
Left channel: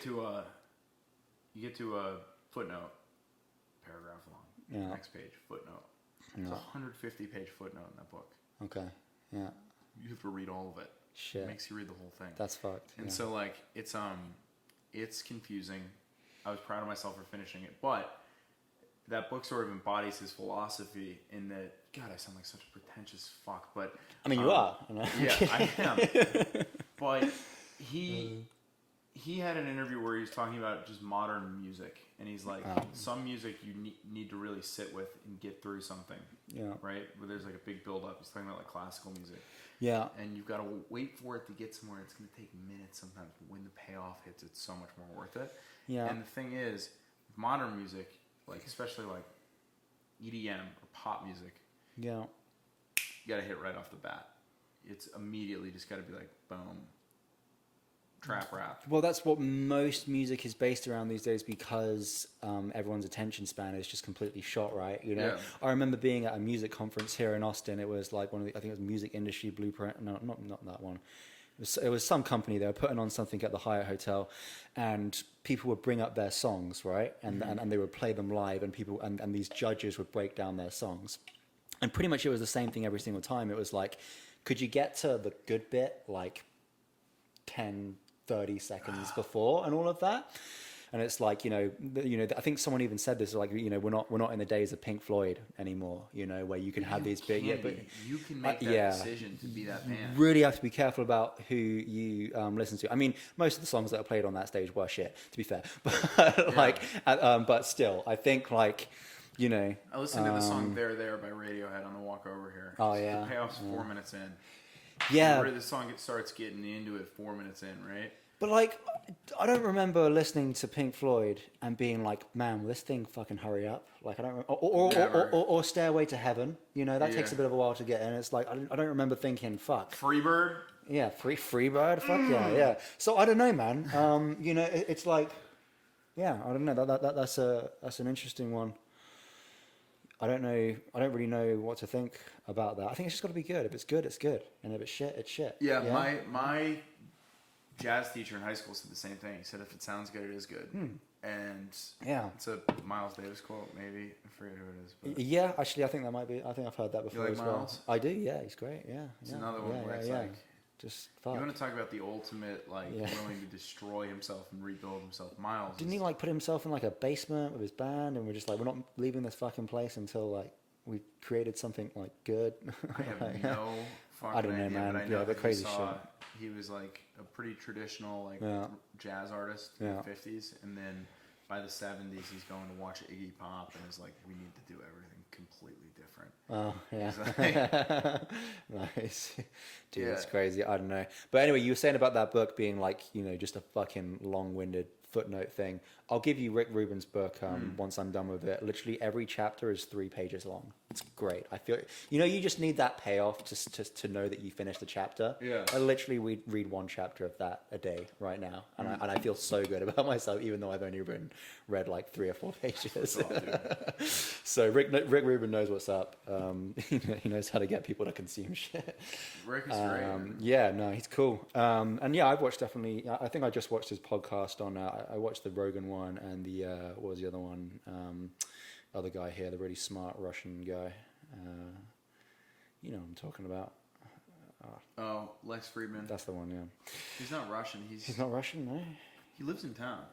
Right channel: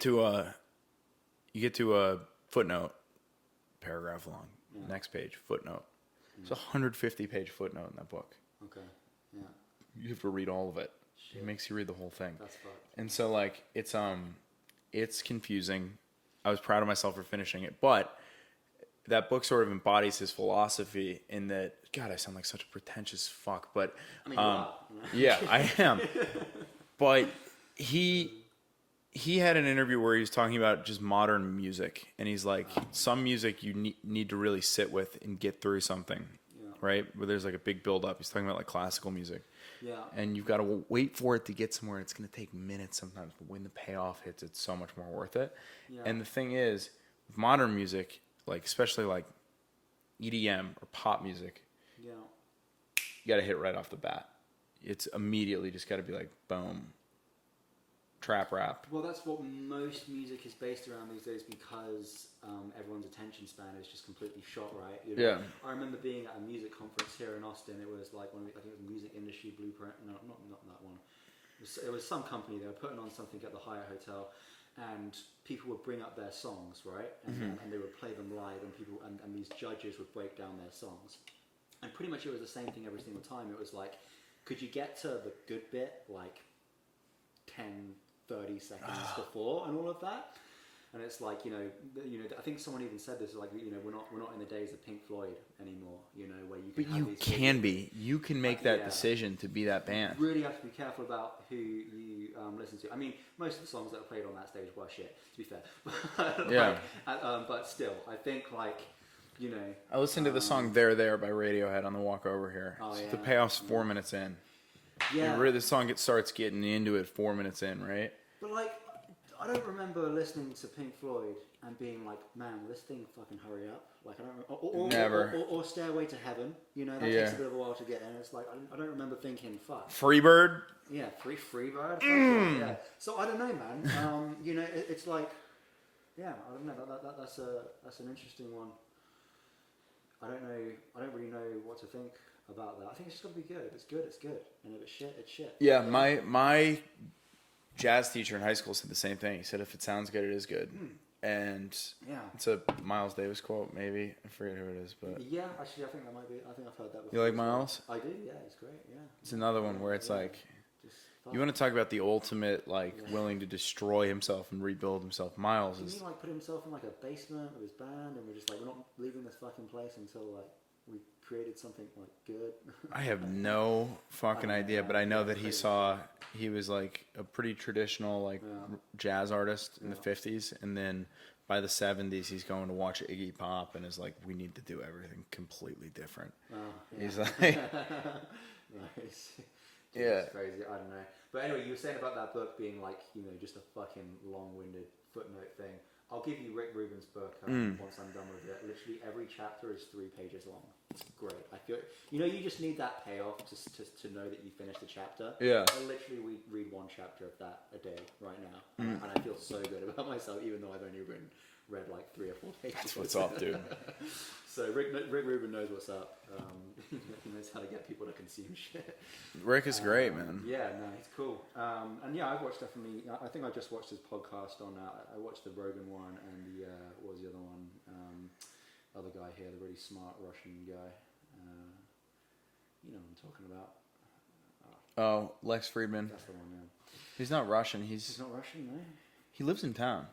to a footnote, paragraph long. Yeah. Next page, footnote. It's a 150-page footnote in that book. Okay. Yeah. You have to read all of it. Shit. It makes you read the whole thing. That's fucked. And yeah. so like it's confusing. I was proud of myself for finishing it, but that book sort of embodies his philosophy in that. God, I sound like such a pretentious fuck, but I mean, you are. You know? yeah, I am. But he had an interview where he was talking about just modern music, and he's like, some music you need to really sit with and get through something. Yeah. Right? Where there's like a big build up. He's talking about like classical music. Yeah. And you've got to wait for it to get somewhere. It's going to take minutes sometimes, but when the payoff hits, it's so much more worth it. Yeah. And the thing is, with modern music, like especially like EDM or pop music, Yeah. you got to hit right off the bat. It's immediately just got to be like, boom, trap rap. Well, that's what most music is based around these days, because everyone's attention span is just completely shot, right? You know, Yeah. I remember being at a music conference here in Austin. It was like one of the, I think it was Music Industry Blueprint. No, not that one. It was some company. They were putting on something at the Hyatt Hotel, and people would bring up their songs, right? And and they would play them live, and people and these judges would break down their songs. And pretty much it was the same thing every single time. It was like, could you get to the good bit like 10, 30 seconds before and all of that? And it's like, you know, I think someone even said this, like, you know, we're not in the days of Pink Floyd anymore, you know, where you can have these big, you can make that yeah. decision to be that band. Really have to be careful about who you listen to. I mean, most of the songs that are played on that stage were shit, to be fair. But like, but still, I think like, you know, I listened to the song "There There" by Radiohead on the walk over here. Oh, yeah. The payoff's 4 minutes in. yeah. Where the song starts getting into it 4 minutes in, right? But like, I don't remember listening to Pink Floyd and being like, man, will this thing fucking hurry up? Like, I don't, or Stairway to Heaven. You know, that takes a bit of a while to get in. It's like, I don't remember thinking, fuck. Freebird? Yeah, Freebird. Fuck yeah. So I don't know, man. You know, it's like, yeah, I don't know. That's an interesting one. I don't know. I don't really know what to think about that. I think it's just got to be good. If it's good, it's good, and if it's shit, it's shit. Yeah, my jazz teacher in high school said the same thing. He said, "If it sounds good, it is good." And it's a Miles Davis quote, maybe. I forget who it is, but yeah, actually, I think that might be. I think I've heard that before. You like Miles? Well. I do. Yeah, he's great. Yeah, it's another one where it's like. Just you want to talk about the ultimate, like, willing to destroy himself and rebuild himself. Miles. Didn't he, like, put himself in, like, a basement with his band, and we're just like, we're not leaving this fucking place until, like, we created something, like, good? I have no fucking idea, but I know that he was, like, a pretty traditional, like, jazz artist in the 50s, and then by the 70s, he's going to watch Iggy Pop and is like, we need to do everything completely different. Oh, yeah. He's like, nice. Dude, that's crazy. I don't know. But anyway, you were saying about that book being like, you know, just a fucking long-winded footnote thing. I'll give you Rick Rubin's book once I'm done with it. Literally every chapter is 3 pages long. It's great. I feel, you know, you just need that payoff to know that you finished the chapter. Yeah. I literally read 1 chapter of that a day right now, and I feel so good about myself, even though I've only read like 3 or 4 pages. That's what's up, dude. So Rick Rubin knows what's up. He knows how to get people to consume shit. Rick is great, man. Yeah, no, he's cool. And yeah, I've watched definitely. I think I just watched his podcast on. I watched the Rogan one and the what was the other one? Other guy here, the really smart Russian guy. You know what I'm talking about. Oh, Lex Friedman. That's the one. Yeah. He's not Russian. He's not Russian, no. He lives in town.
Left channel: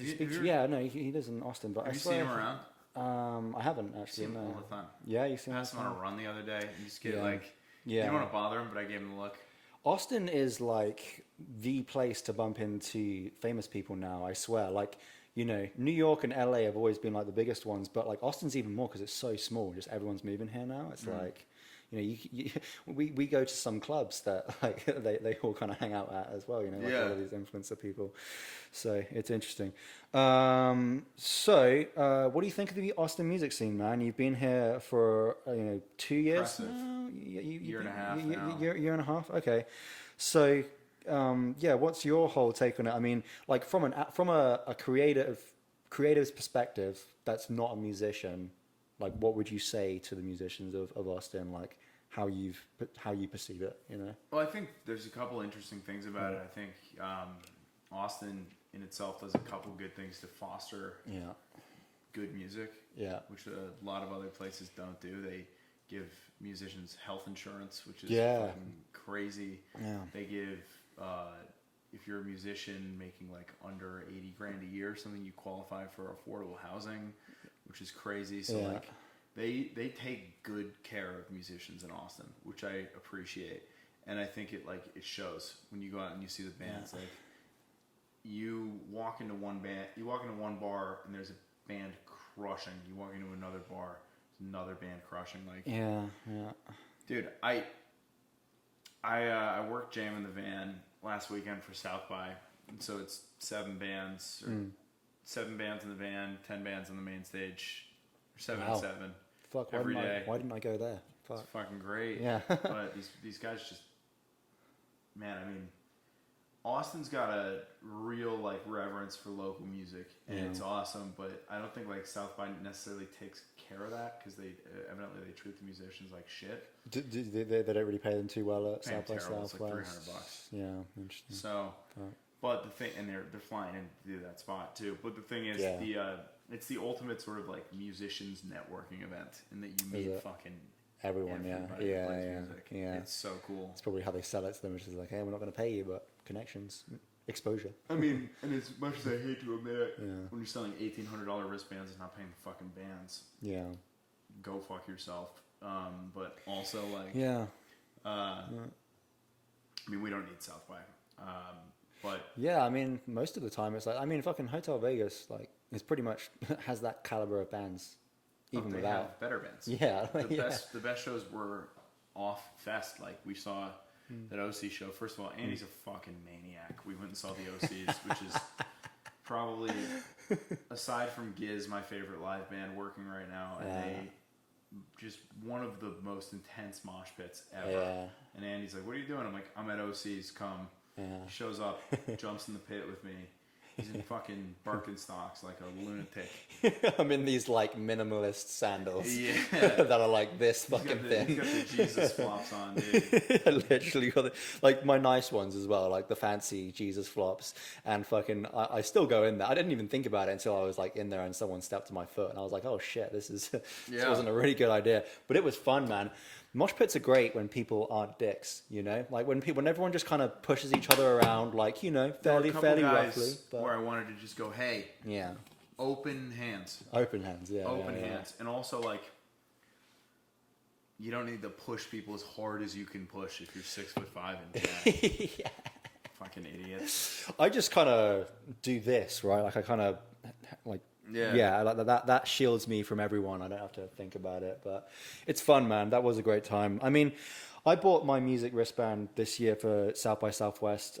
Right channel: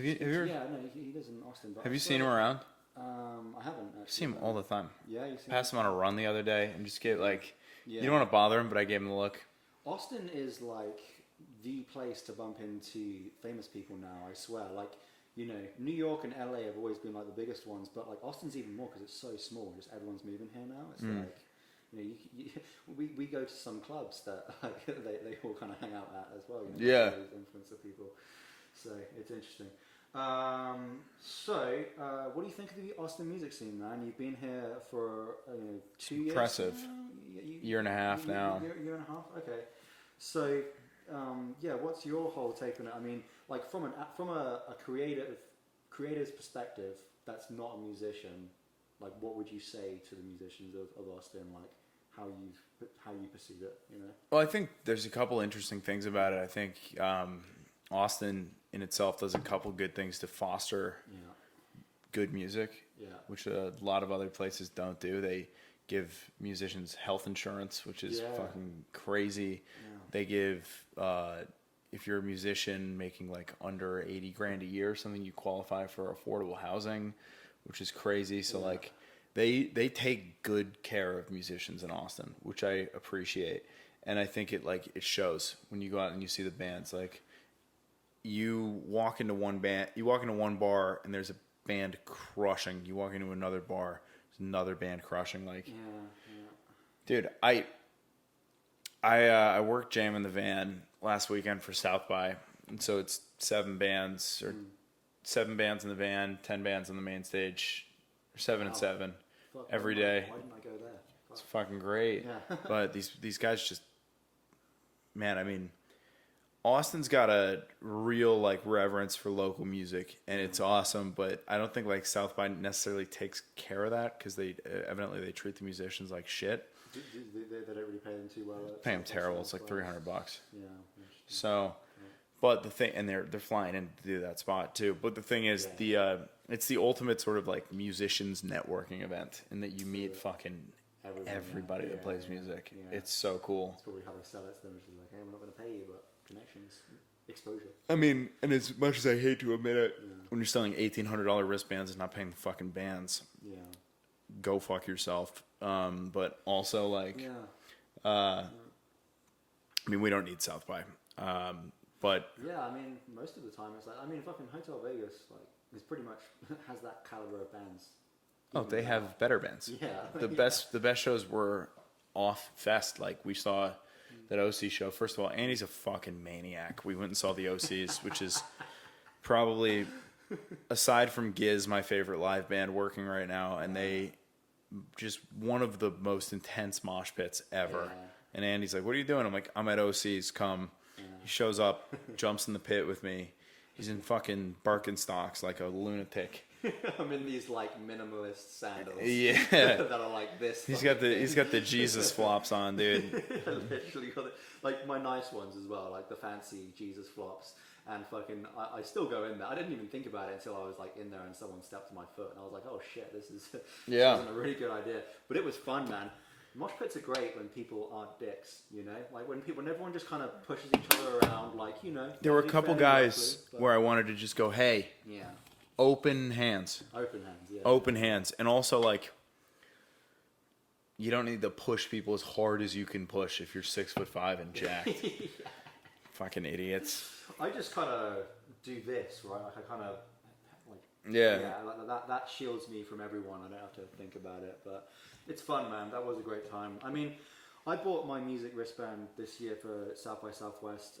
Yeah, no, he lives in Austin. But have you seen him around? I haven't actually. I see him all the time. Yeah, you see him. Passed him on a run the other day and just get like. Yeah. You don't want to bother him, but I gave him the look. Austin is like the place to bump into famous people now. I swear, like. You know, New York and LA have always been like the biggest ones, but like Austin's even more because it's so small. Just everyone's moving here now. It's like, you know, we go to some clubs that like they all kind of hang out at as well. You know, like all these influencer people. So it's interesting. So what do you think of the Austin music scene, man? You've been here for 2 years. Impressive. Year and a half now. Year and a half. Okay. So. What's your whole take on it? I mean, like from a creative's perspective, that's not a musician. Like, what would you say to the musicians of Austin? Like, how you perceive it? You know. Well, I think there's a couple interesting things about it. I think Austin in itself does a couple good things to foster good music. Yeah, which a lot of other places don't do. They give musicians health insurance, which is fucking crazy. Yeah. They give, if you're a musician making like under 80 grand a year or something, you qualify for affordable housing, which is crazy. So like they take good care of musicians in Austin, which I appreciate. And I think it shows when you go out and you see the bands. Like you walk into one bar and there's a band crushing. You walk into another bar, another band crushing. Like dude, I worked Jam in the Van last weekend for South by, and so it's 7 bands or 7 bands in the van, 10 bands on the main stage, 7 and 7 every day. Why didn't I go there? Fuck. It's fucking great. Yeah. But these guys just, man, I mean, Austin's got a real like reverence for local music, and it's awesome. But I don't think like South by necessarily takes care of that because they evidently they treat the musicians like shit. They don't really pay them too well. Pay them terrible. It's like $300. Yeah, interesting. So, but the thing, and they're flying in to do that spot too. But the thing is, it's the ultimate sort of like musicians networking event, in that you meet fucking everybody who plays music. Yeah. It's so cool. It's probably how they sell it to them, which is like, hey, we're not going to pay you, but connections, exposure. I mean, and as much as I hate to admit it, when you're selling $1,800 wristbands and not paying the fucking bands, go fuck yourself. But also like, I mean, we don't need South by, but yeah, I mean, most of the time it's like, I mean, fucking Hotel Vegas, like, it's pretty much has that caliber of bands. Oh, they have better bands. Yeah, the best shows were off fest. Like we saw that OC show. First of all, Andy's a fucking maniac. We went and saw the OCs, which is probably, aside from Giz, my favorite live band working right now, and they just one of the most intense mosh pits ever. Yeah. And Andy's like, "What are you doing?" I'm like, "I'm at OC's. Come." Yeah. He shows up, jumps in the pit with me. He's in fucking Birkenstocks like a lunatic. I'm in these like minimalist sandals. Yeah, that are like this. He's got the Jesus flops on, dude. I literally got it. Like my nice ones as well, like the fancy Jesus flops. And fucking, I still go in there. I didn't even think about it until I was like in there and someone stepped on my foot, and I was like, oh shit, this wasn't a really good idea. But it was fun, man. Mosh pits are great when people aren't dicks, you know? Like when everyone just kind of pushes each other around, like, you know. There were a couple guys where I wanted to just go, hey. Yeah. Open hands. Open hands, yeah. Open hands. And also, like, you don't need to push people as hard as you can push if you're 6'5" and jacked. Yeah. Fucking idiots. I just kind of do this, right? Like, I kind of, like, like that shields me from everyone. I don't have to think about it. But it's fun, man. That was a great time. I mean, I bought my music wristband this year for South by Southwest,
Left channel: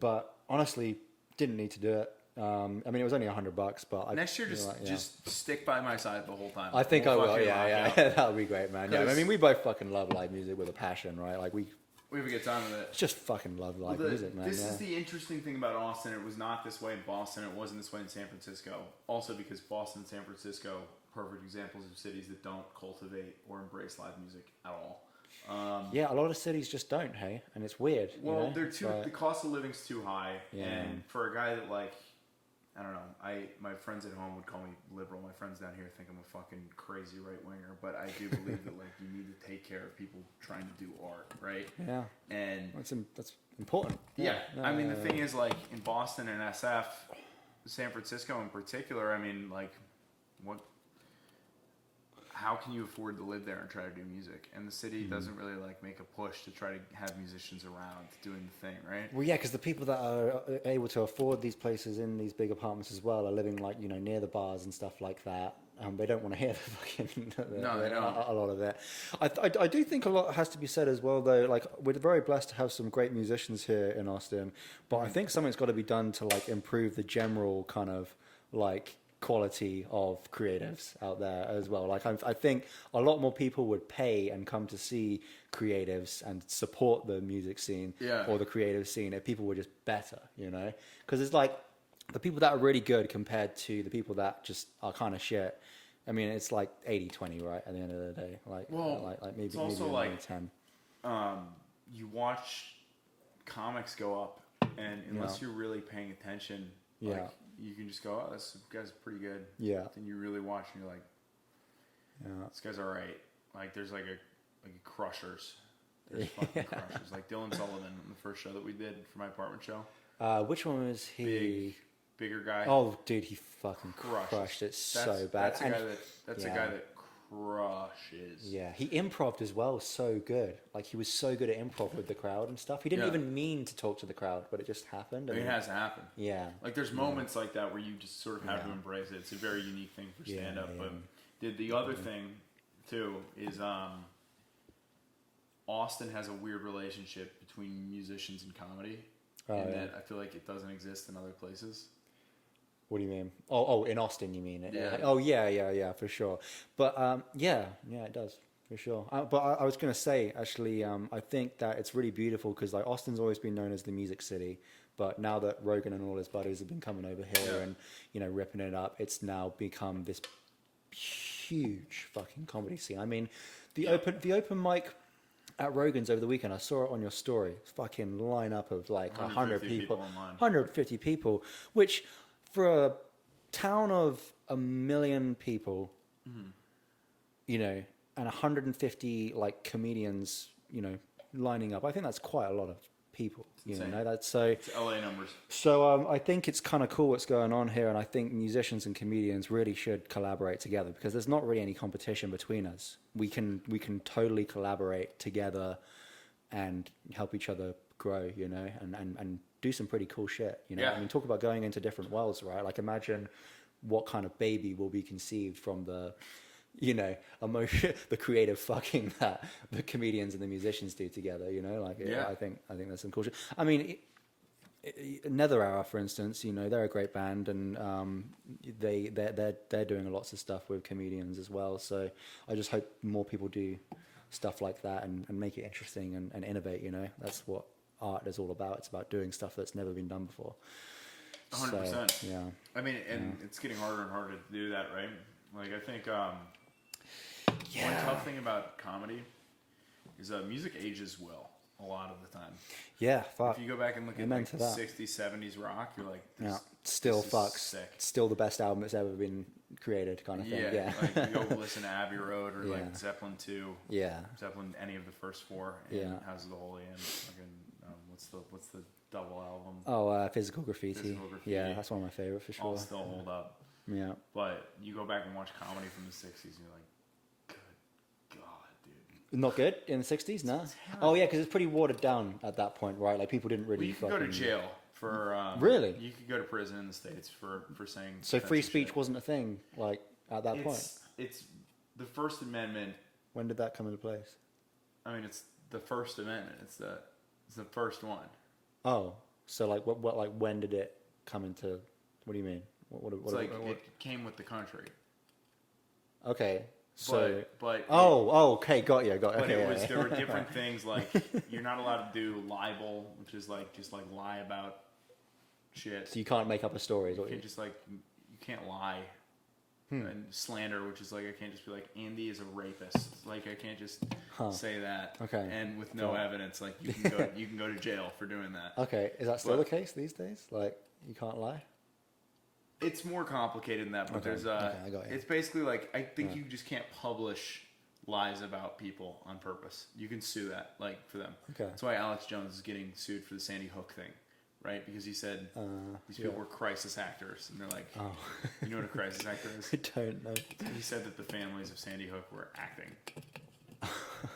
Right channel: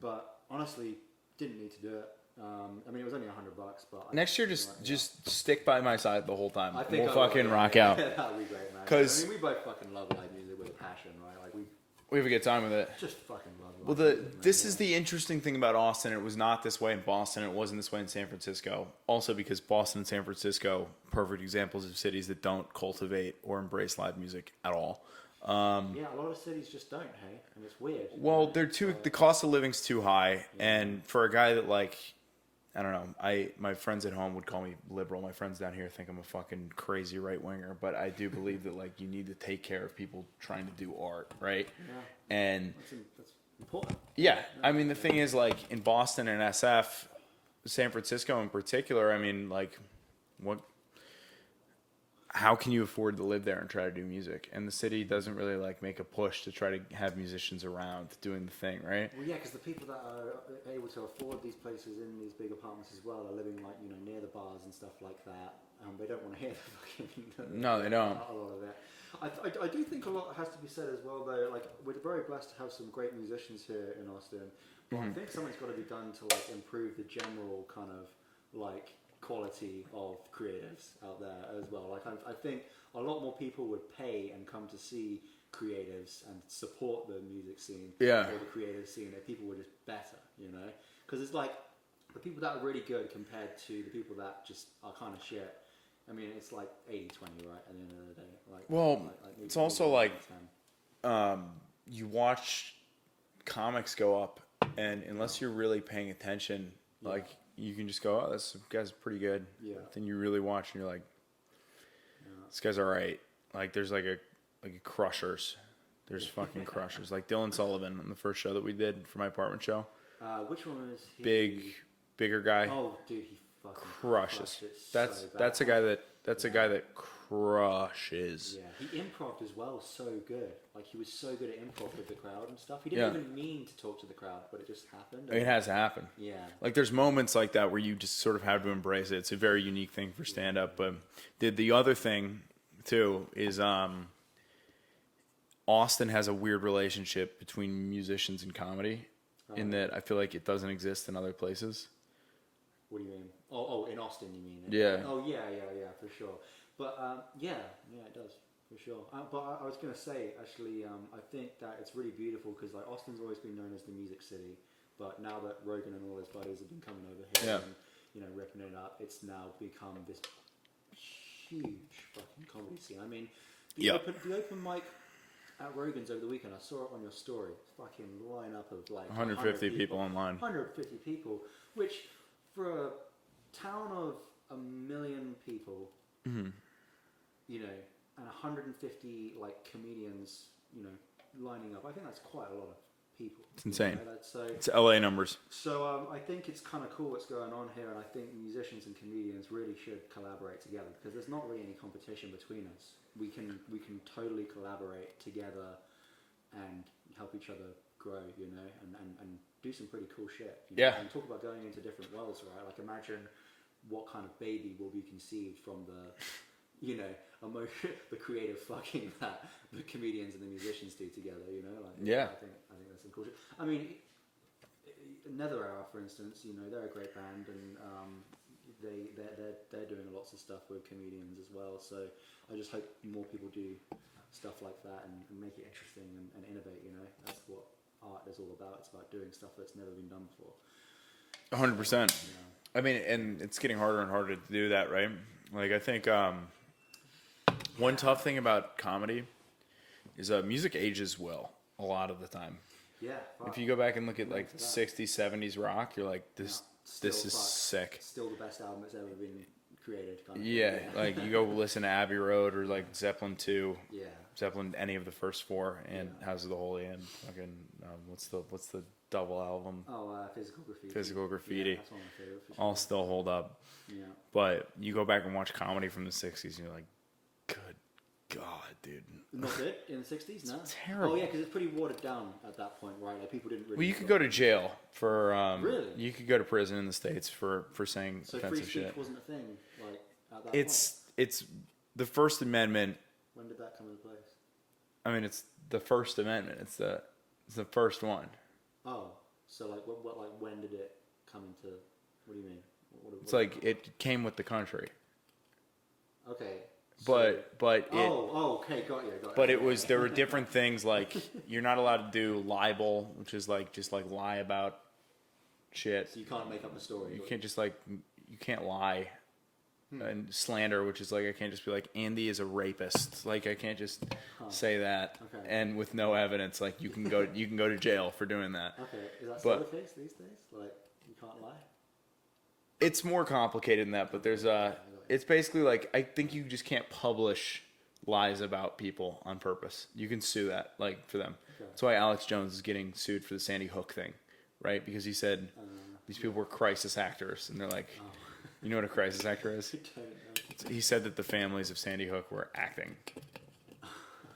but honestly, didn't need to do it. I mean, it was only $100, but next year, just stick by my side the whole time. I think we'll fucking rock out. That'll be great, man. I mean, we both fucking love live music with a passion, right? Like we have a good time with it. Just fucking love live music, man. This is the interesting thing about Austin. It was not this way in Boston. It wasn't this way in San Francisco. Also, because Boston and San Francisco, perfect examples of cities that don't cultivate or embrace live music at all. A lot of cities just don't, hey, and it's weird. Well, they're too. The cost of living's too high, and for a guy that like. I don't know. My friends at home would call me liberal. My friends down here think I'm a fucking crazy right winger, but I do believe that like you need to take care of people trying to do art, right? Yeah. And that's important. Yeah. I mean, the thing is, like in Boston and SF, San Francisco in particular. I mean, like, how can you afford to live there and try to do music? And the city doesn't really like make a push to try to have musicians around doing the thing, right? Well, yeah, because the people that are able to afford these places in these big apartments as well are living like, you know, near the bars and stuff like that. They don't want to hear the fucking... No, they don't. A lot of that. I do think a lot has to be said as well, though. Like, we're very blessed to have some great musicians here in Austin, but I think something's got to be done to like improve the general kind of like quality of creatives out there as well. Like I think a lot more people would pay and come to see creatives and support the music scene or the creative scene if people were just better, you know? Because it's like the people that are really good compared to the people that just are kind of shit. I mean, it's like 80-20, right? At the end of the day, like maybe it's also maybe like 10. You watch comics go up, and unless you're really paying attention, like. You can just go, oh, this guy's pretty good. Yeah. Then you really watch and you're like, this guy's all right. Like there's like a Crushers. There's fucking Crushers. Like Dylan Sullivan on the first show that we did for my apartment show. Which one was he? Bigger guy. Oh, dude, he fucking crushed it so bad. That's a guy that crushes. Yeah, he improv'd as well so good. Like he was so good at improv with the crowd and stuff. He didn't even mean to talk to the crowd, but it just happened. It has to happen. Yeah. Like there's moments like that where you just sort of have to embrace it. It's a very unique thing for stand up. But the other thing too is Austin has a weird relationship between musicians and comedy in that I feel like it doesn't exist in other places. What do you mean? Oh, in Austin, you mean? Yeah. Oh, yeah, for sure. But yeah, it does for sure. But I was gonna say actually, I think that it's really beautiful because like Austin's always been known as the music city, but now that Rogan and all his buddies have been coming over here and ripping it up, it's now become this huge fucking comedy scene. I mean, the open mic at Rogan's over the weekend, I saw it on your story. Fucking lineup of like 150 people online. 150 people, which for a town of 1 million people, you know, and 150 like comedians, you know, lining up. I think that's quite a lot of people. It's insane. It's LA numbers. So I think it's kind of cool what's going on here, and I think musicians and comedians really should collaborate together because there's not really any competition between us. We can totally collaborate together and help each other grow, you know, and do some pretty cool shit, you know. Yeah. And talk about going into different worlds, right? Like imagine what kind of baby will be conceived from the, you know, emotion, the creative fucking that the comedians and the musicians do together. You know, like Yeah. I think that's some cool shit. I mean, Nether Hour, for instance, you know, they're a great band, and they're doing lots of stuff with comedians as well. So I just hope more people do stuff like that and make it interesting and innovate. You know, that's what art is all about. It's about doing stuff that's never been done before. 100%. So, yeah. I mean, and it's getting harder and harder to do that, right? Like, I think one tough thing about comedy is music ages well a lot of the time. Yeah, fuck. If you go back and look at Amen like to that. 60s, 70s rock, you're like, this is sick. Still the best album that's ever been created, kind of thing. Yeah, like you go listen to Abbey Road or like Zeppelin 2. Yeah. Zeppelin, any of the first four, and House of the Holy, and fucking what's the double album? Oh, Physical Graffiti. Physical Graffiti. Yeah, that's one of my favorite for sure. All still hold up. Yeah. But you go back and watch comedy from the 60s, and you're like, good God, dude. Not good in the 60s, no? terrible. Oh, yeah, because it's pretty watered down at that point, right? Like, people didn't really... Well, you could go to jail for... Really? You could go to prison in the States for saying... So free offensive speech shit. wasn't a thing, like, at that point? It's the First Amendment. When did that come into place? I mean, it's the First Amendment. It's the first one. Oh, so, like, what like, when did it come into... What do you mean? It's like, it came with the country. Okay. But okay, got you. But there were different things, like you're not allowed to do libel, which is like just like lie about shit. So you can't make up a story. You can't just like you can't lie. And slander, which is like I can't just be like Andy is a rapist. Like I can't just say that. Okay. And with no evidence, like you can go to jail for doing that. Okay, is that still the case these days? Like you can't lie? It's more complicated than that, but there's I got you. it's basically like I think you just can't publish lies about people on purpose. You can sue that, like for them. Okay. That's why Alex Jones is getting sued for the Sandy Hook thing, right? Because he said these people were crisis actors, and they're like, you know what a crisis actor is? I don't know. He said that the families of Sandy Hook were acting,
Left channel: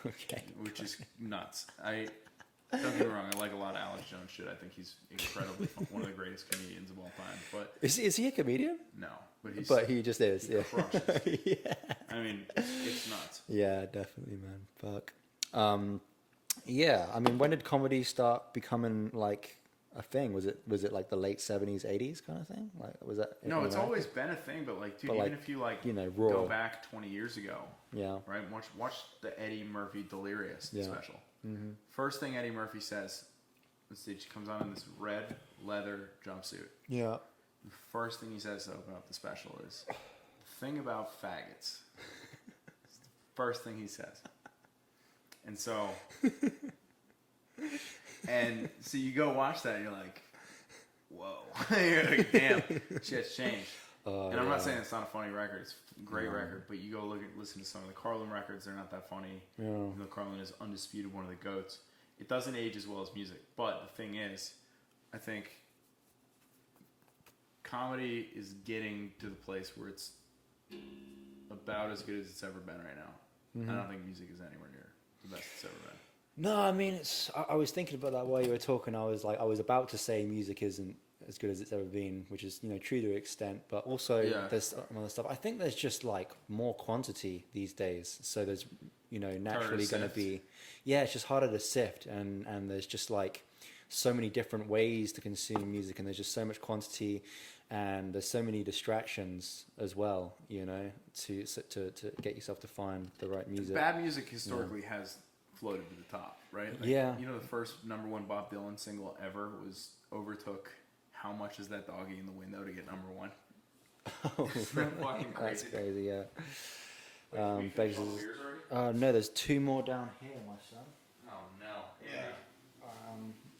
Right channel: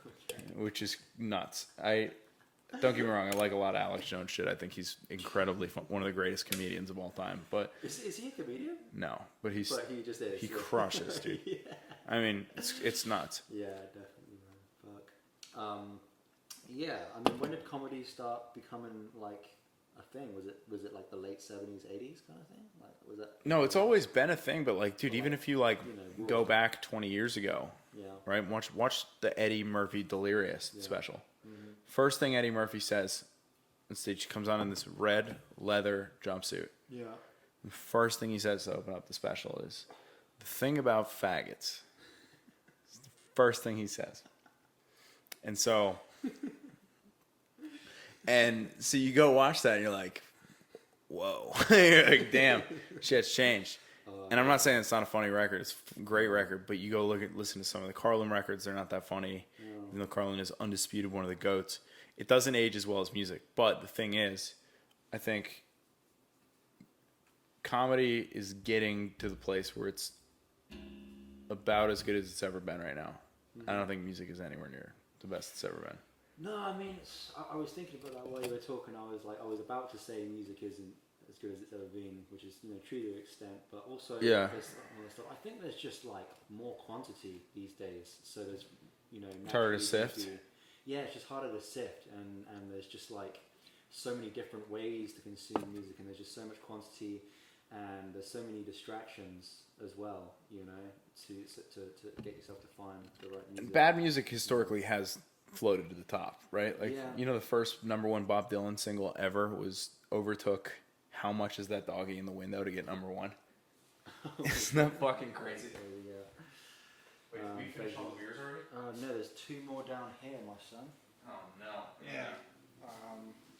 Okay. which is nuts. Don't get me wrong, I like a lot of Alex Jones shit. I think he's incredibly fun, one of the greatest comedians of all time. But Is he a comedian? no, but he just is. he crushes, dude. Yeah. I mean, it's nuts. Yeah, definitely, man. Fuck. Yeah, I mean, when did comedy start becoming like a thing? Was it like the late 70s, 80s kind of thing? Like was that? No, it's always been a thing, but like, dude, But, even like, if you like, you know, go raw. back 20 years ago, Yeah. right? Watch the Eddie Murphy Delirious special. First thing Eddie Murphy says on stage, he comes on in this red leather jumpsuit. Yeah. The first thing he says to open up the special is, the thing about faggots. It's the first thing he says. And so, you go watch that and you're like, whoa. You're like, damn, shit's changed. And I'm not saying it's not a funny record. It's a great record, but you go listen to some of the Carlin records. They're not that funny. Even though Carlin is undisputed one of the GOATs. It doesn't age as well as music. But the thing is, I think comedy is getting to the place where it's about as good as it's ever been right now. I don't think music is anywhere near the best it's ever been. No, I mean, I was thinking about that while you were talking. I was about to say music isn't as good as it's ever been, which is, you know, true to an extent, but also there's other stuff. I think there's just like more quantity these days, so there's, you know, naturally going to be, it's just harder to sift, and there's just like so many different ways to consume music, and there's just so much quantity, and there's so many distractions as well, you know, to get yourself to find the right music. Bad music historically has floated to the top, right? Like, you know, the first #1 Bob Dylan single ever overtook How Much Is That Doggy in the Window to get #1. Isn't that fucking crazy? That's crazy, yeah. Wait, we finished all the beers already? No, there's 2 more down here, my son. Oh, no. Yeah.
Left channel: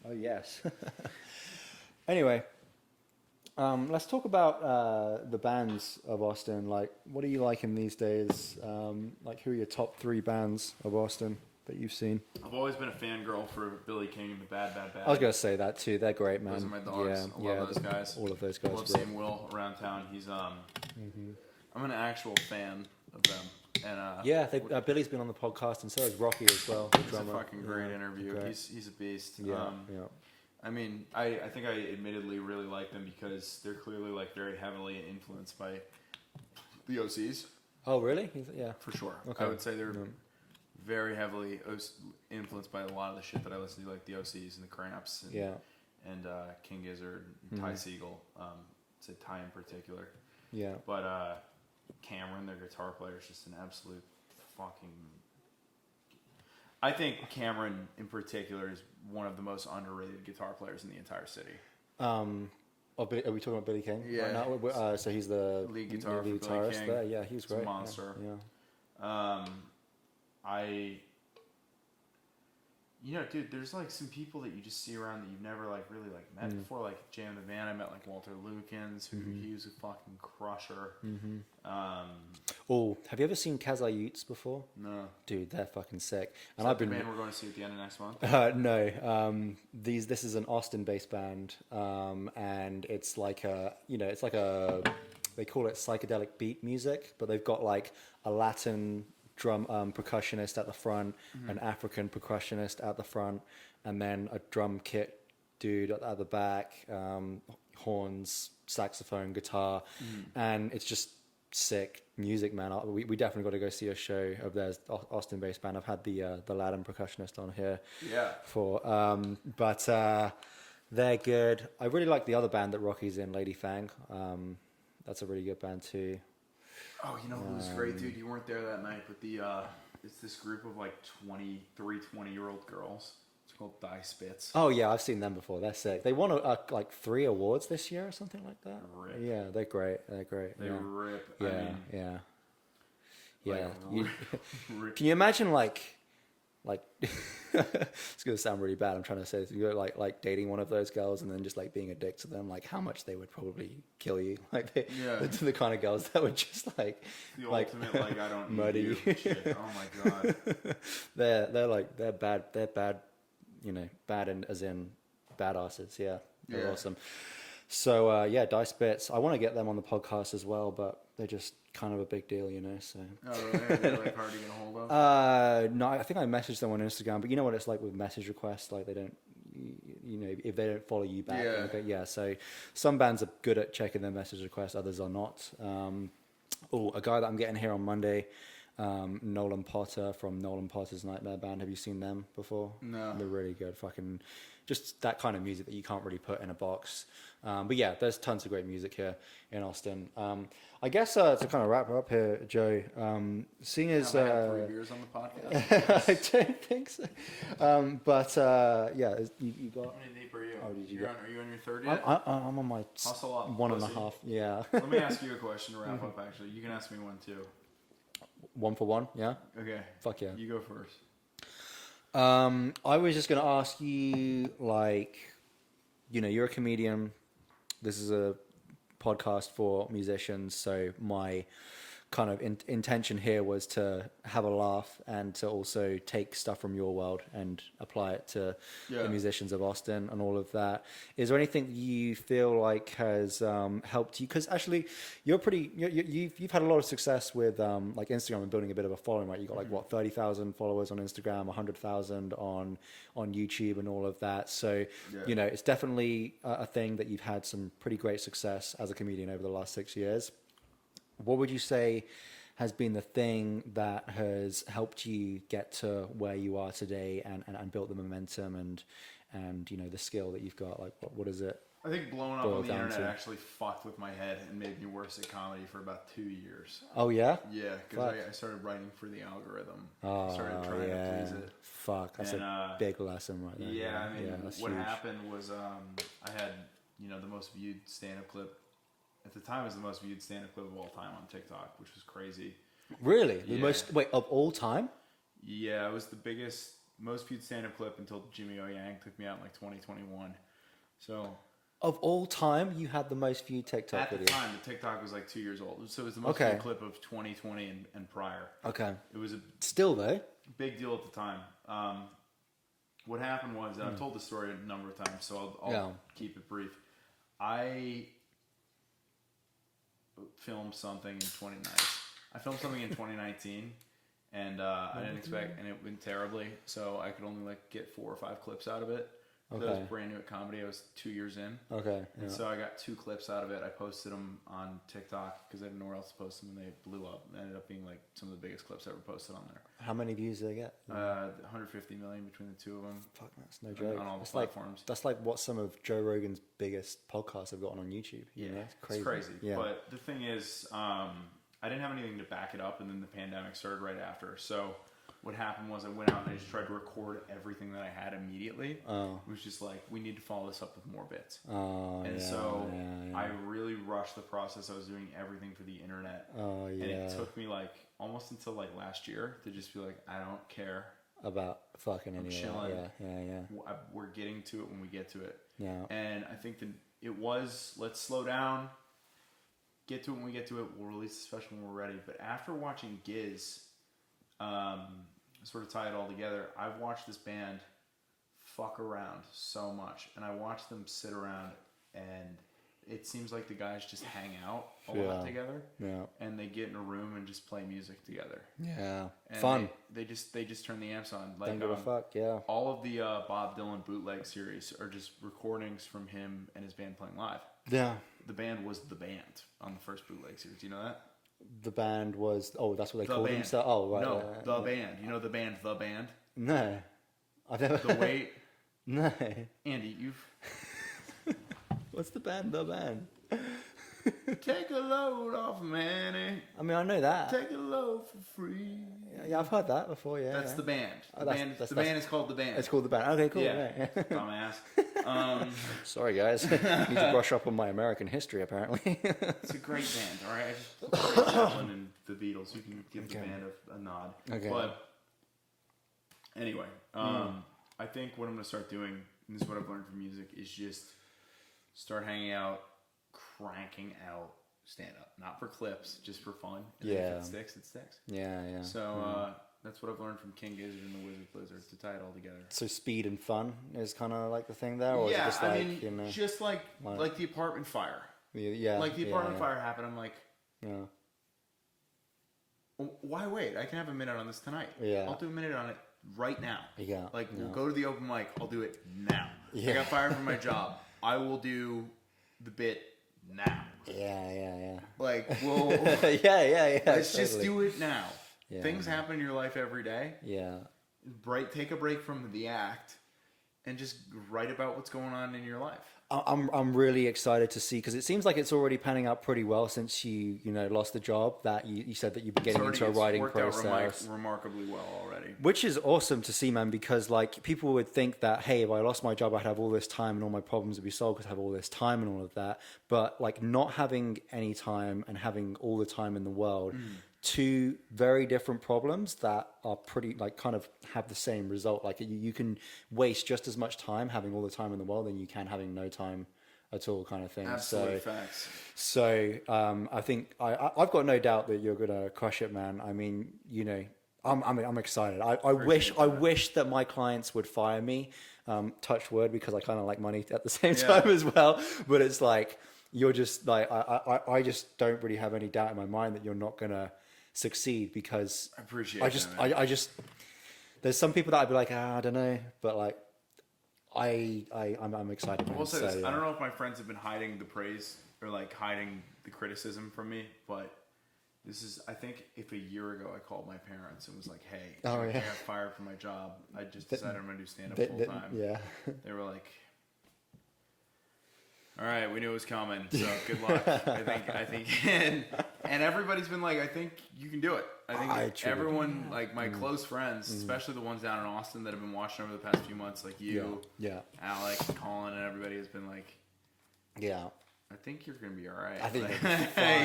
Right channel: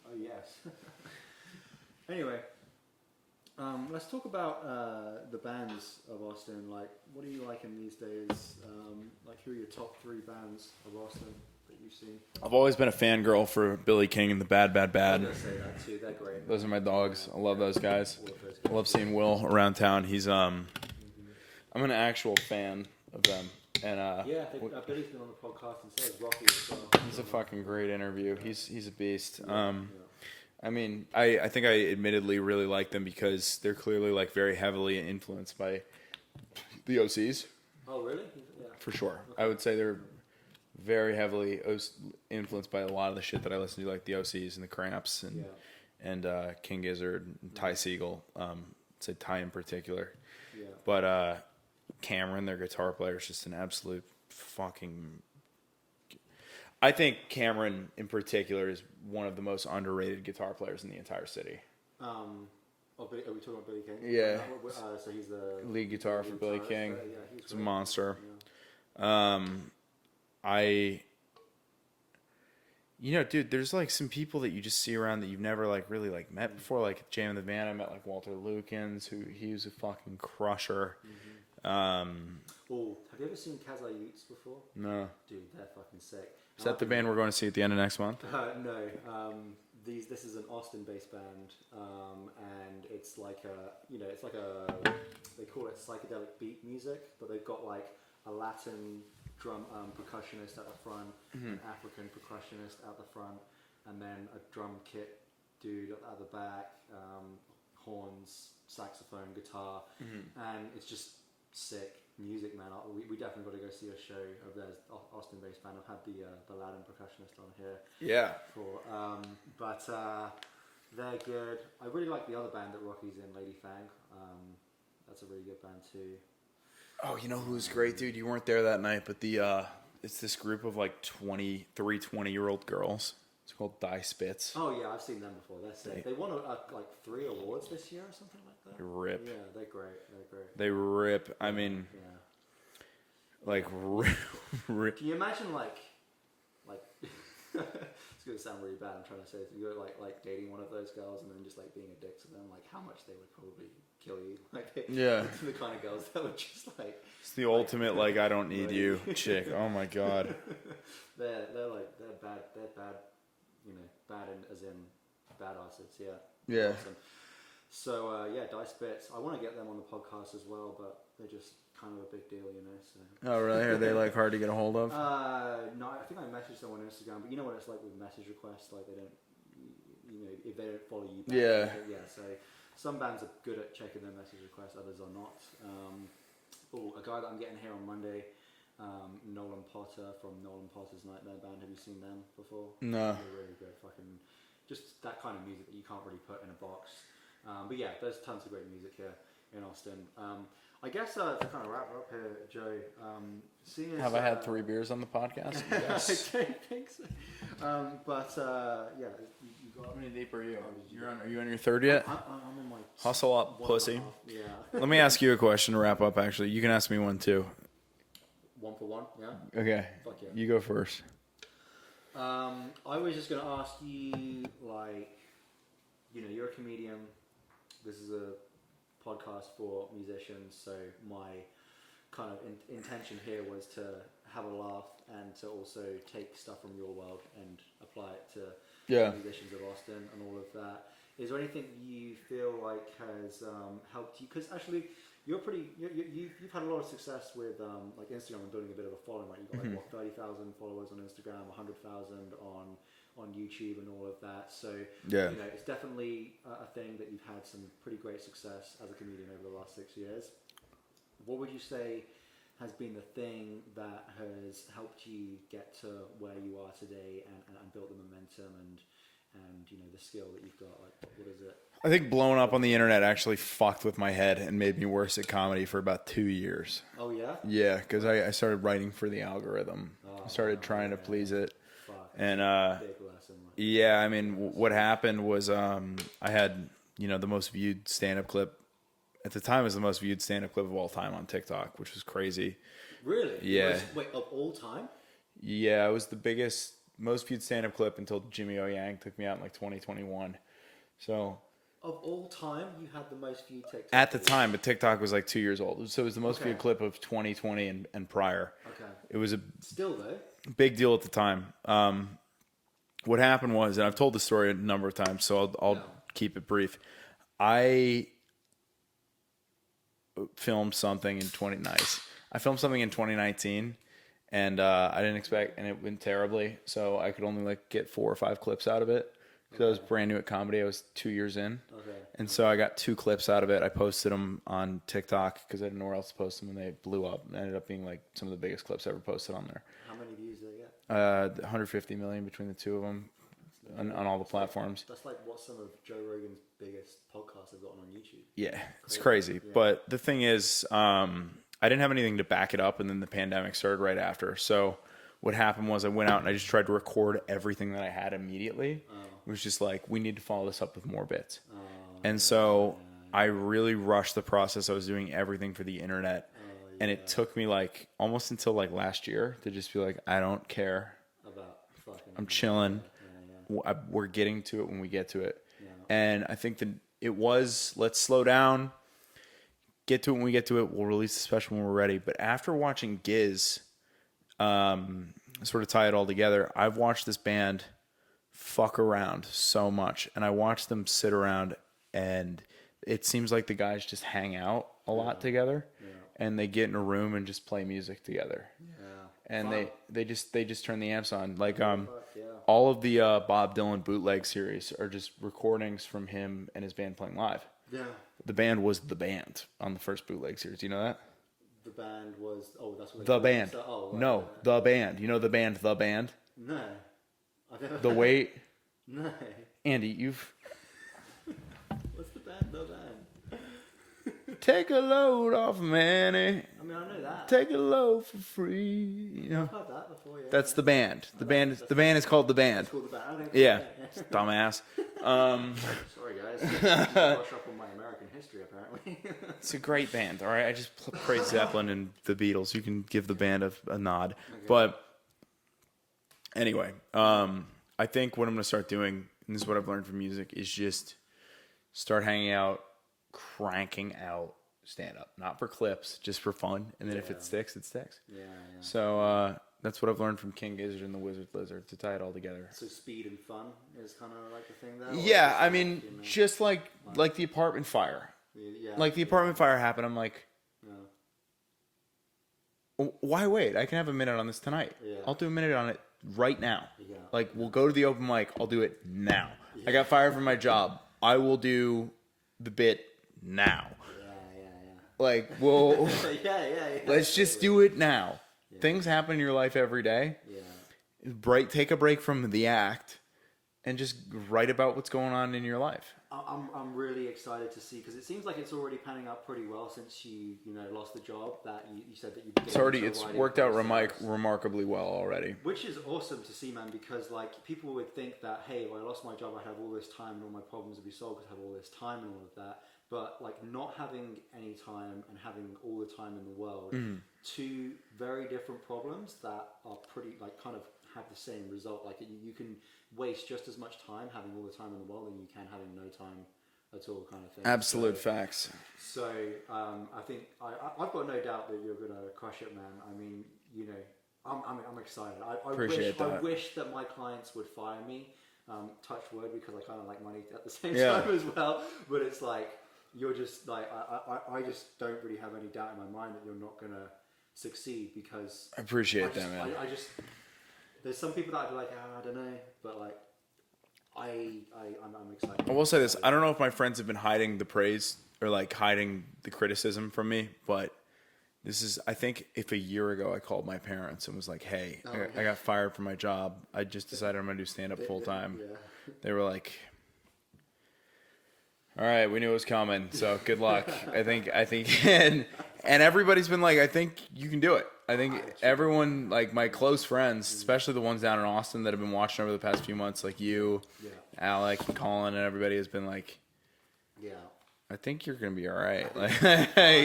Oh, yes. Anyway, let's talk about the bands of Austin. Like, what are you liking these days? Like, who are your top 3 bands of Austin that you've seen? I've always been a fangirl for Billy King and the Bad Bad Bad. I was going to say that too. They're great, man. Those are my dogs. Yeah, I love those guys. All of those guys. I love seeing Will around town. He's I'm an actual fan of them. And Billy's been on the podcast, and so has Rocky as well. It's a fucking great interview. Great. He's a beast. Yeah. I mean, I think I admittedly really like them because they're clearly like very heavily influenced by the OCs. Oh, really? Yeah. For sure. Okay. I would say they're very heavily influenced by a lot of the shit that I listen to, like the OCs and the Cramps and King Gizzard, and Ty Segall. Say Ty in particular. Yeah. But Cameron, their guitar player, is just an absolute fucking... I think Cameron in particular is one of the most underrated guitar players in the entire city. Are we talking about Billy King? Yeah. So he's the lead guitar for Billy King. There. Yeah, he's great. It's a monster. Yeah. Dude, there's like some people that you just see around that you've never like really like met before. Like Jam in the Van, I met like Walter Lukens, who he was a fucking crusher. Have you ever seen Kazai Utes before? No. Dude, they're fucking sick. Is that the band we're going to see at the end of next month? No. This is an Austin-based band, and it's like they call it psychedelic beat music, but they've got like a Latin drum percussionist at the front, an African percussionist at the front, and then a drum kit dude at the back, horns, saxophone, guitar, and it's just sick music, man. We definitely got to go see a show of theirs, Austin-based band. I've had the Latin percussionist on here, but they're good. I really like the other band that Rocky's in, Lady Fang. That's a really good band too. Oh, you know who's great, dude? You weren't there that night, but it's this group of like 20-year-old girls. It's called Die Spitz. Oh yeah, I've seen them before. They're sick. They won like 3 awards this year or something like that. Rip. Yeah, they're great. They rip. Yeah, I mean, like rip. Can you imagine like it's gonna sound really bad. I'm trying to say this. You're like dating one of those girls and then just like being a dick to them. Like how much they would probably kill you. Like the kind of girls that would just like. It's the ultimate like I don't need you chick. Oh my god. they're bad. They're bad. Bad as in badasses. Yeah. They're awesome. So Die Spitz. I want to get them on the podcast as well, but they're just kind of a big deal, So. Oh really? Are they like hard to get a hold of? No, I think I messaged them on Instagram, but you know what it's like with message requests, like they don't, if they don't follow you back. So some bands are good at checking their message requests, others are not. A guy that I'm getting here on Monday, Nolan Potter from Nolan Potter's Nightmare Band. Have you seen them before? No. They're really good. Fucking just that kind of music that you can't really put in a box. But yeah, there's tons of great music here in Austin. I guess to kind of wrap up here, Joe, seeing as... Have I had 3 beers on the podcast? Yes. I don't think so. You got... How many deep are you? Oh, did you Are you on your 3rd yet? I'm on my... Hustle up, 1.5. Yeah. Let me ask you a question to wrap up, actually. You can ask me one, too. 1 for 1, yeah? Okay. Fuck yeah. You go first. I was just going to ask you, like, you're a comedian. This is a podcast for musicians, so my kind of intention here was to have a laugh and to also take stuff from your world and apply it to the musicians of Austin and all of that. Is there anything you feel like has helped you? Because actually, you've had a lot of success with like Instagram and building a bit of a following, right? You got like 30,000 followers on Instagram, 100,000 on YouTube and all of that. So it's definitely a thing that you've had some pretty great success as a comedian over the last 6 years. What would you say has been the thing that has helped you get to where you are today and built the momentum and the skill that you've got? Like, what is it? I think blowing up on the internet actually fucked with my head and made me worse at comedy for about 2 years. Oh, yeah? Yeah, because I started writing for the algorithm. Started trying to please it. Fuck. That's a big lesson right there. Yeah, I mean, what happened was I had, the most viewed stand-up clip. At the time, it was the most viewed stand-up clip of all time on TikTok, which was crazy. Really? Yeah. Wait, of all time? Yeah, it was the most viewed stand-up clip until Jimmy O Yang took me out in like 2021. So... Of all time, you had the most viewed TikTok at the time, but TikTok was like 2 years old. So it was the most viewed clip of 2020 and prior. Okay. It was a... Still, though? Big deal at the time. What happened was, and I've told the story a number of times, so I'll keep it brief. I filmed something in 2019, and I didn't expect, and it went terribly. So I could only like get 4 or 5 clips out of it So I was brand new at comedy. I was 2 years in. Okay. And so I got 2 clips out of it. I posted them on TikTok because I didn't know where else to post them, and they blew up. It ended up being like some of the biggest clips ever posted on there. How many views did they get? 150 million between the 2 of them. Fuck, that's no joke. On all the platforms. That's like what some of Joe Rogan's biggest podcasts have gotten on YouTube. Yeah, You know? it's crazy. Yeah. But the thing is, I didn't have anything to back it up, and then the pandemic started right after. So what happened was I went out and I just tried to record everything that I had immediately. It was just like, we need to follow this up with more bits. I really rushed the process. I was doing everything for the internet. And it took me like almost until like last year to just be like, I don't care about fucking. I'm chilling. Yeah. We're getting to it when we get to it. Yeah. And I think that it was, let's slow down, get to it when we get to it. We'll release the special when we're ready. But after watching Giz, sort of tie it all together, I've watched this band fuck around so much, and I watched them sit around, and it seems like the guys just hang out a lot together, and they get in a room and just play music together. Yeah, and fun. they just turn the amps on. Like yeah. all of the Bob Dylan bootleg series are just recordings from him and his band playing live. Yeah, the band was the band on the first bootleg series. Do you know that? The band was that's what they the called band. themselves? Oh, right, no, the band. You know the band, the band. No, I've never. The Weight. No, Andy, you've. What's the band? The band. Take a load off Manny. I mean, I know that. Take a load for free. Yeah, I've heard that before. Yeah, that's the band. The band. That's the band is called the band. It's called the band. Okay, cool. Yeah, dumbass. Sorry, guys. I need to brush up on my American history. Apparently, it's a great band. All right, I just praised Zeppelin and the Beatles. You can give the band a nod. Okay. But anyway, I think what I'm gonna start doing, and this is what I've learned from music, is just start hanging out, cranking out stand up, not for clips, just for fun. And then if it sticks, it sticks. Yeah. So that's what I've learned from King Gizzard and the Wizard Lizard, to tie it all together. So speed and fun is kind of like the thing there. Yeah, just I mean, you know, just like the apartment fire. Yeah, like the apartment fire happened. I'm like, why wait? I can have a minute on this tonight. Yeah, I'll do a minute on it right now. Yeah, like we'll go to the open mic. I'll do it now. Yeah. I got fired from my job. I will do the bit now. Yeah. Like, well, yeah. Let's just do it now. Yeah. Things happen in your life every day. Yeah. Take a break from the act and just write about what's going on in your life. I'm really excited to see, because it seems like it's already panning out pretty well since you lost the job that you said that you began into a writing worked process. out remarkably well already, which is awesome to see, man, because like people would think that, hey, if I lost my job I'd have all this time and all my problems would be solved because I have all this time and all of that, but like not having any time and having all the time in the world, two very different problems that are pretty like kind of have the same result. Like you can waste just as much time having all the time in the world than you can having no time at all, kind of thing. Absolute facts. So I think I've got no doubt that you're gonna crush it, man. I mean, I'm excited. I wish that my clients would fire me. Touch wood, because I kind of like money at the same time as well. But it's like you're just like I just don't really have any doubt in my mind that you're not gonna succeed, because I appreciate that. I just there's some people that I'd be like, I don't know, but like I'm excited. I will say this: I don't know if my friends have been hiding the praise or like hiding the criticism from me, but this is, I think, if a year ago I called my parents and was like, "Hey, I got fired from my job. I just decided I'm gonna do stand up full time." Yeah, they were like, "All right, we knew it was coming, so good luck." I think, and everybody's been like, "I think you can do it." I think everyone, like my close friends, especially the ones down in Austin that have been watching over the past few months, like you, Alec, and Colin, and everybody has been like, I think you're gonna be all right.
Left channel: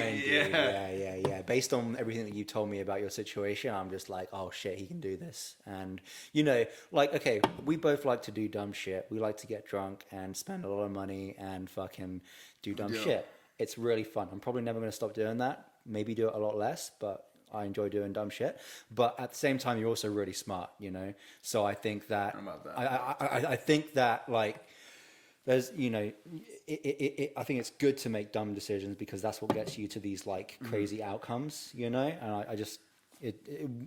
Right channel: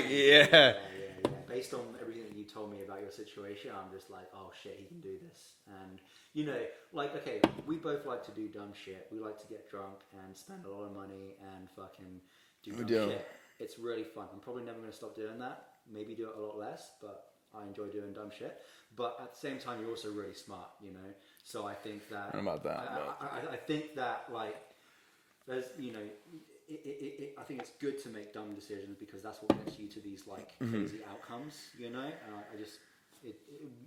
Yeah. Based on everything that you told me about your situation, I'm just like, oh shit, he can do this. And like, okay, we both like to do dumb shit. We like to get drunk and spend a lot of money and fucking do dumb shit. It's really fun. I'm probably never gonna stop doing that. Maybe do it a lot less, but I enjoy doing dumb shit. But at the same time, you're also really smart, So I think that I think that like there's I think it's good to make dumb decisions, because that's what gets you to these like crazy outcomes, And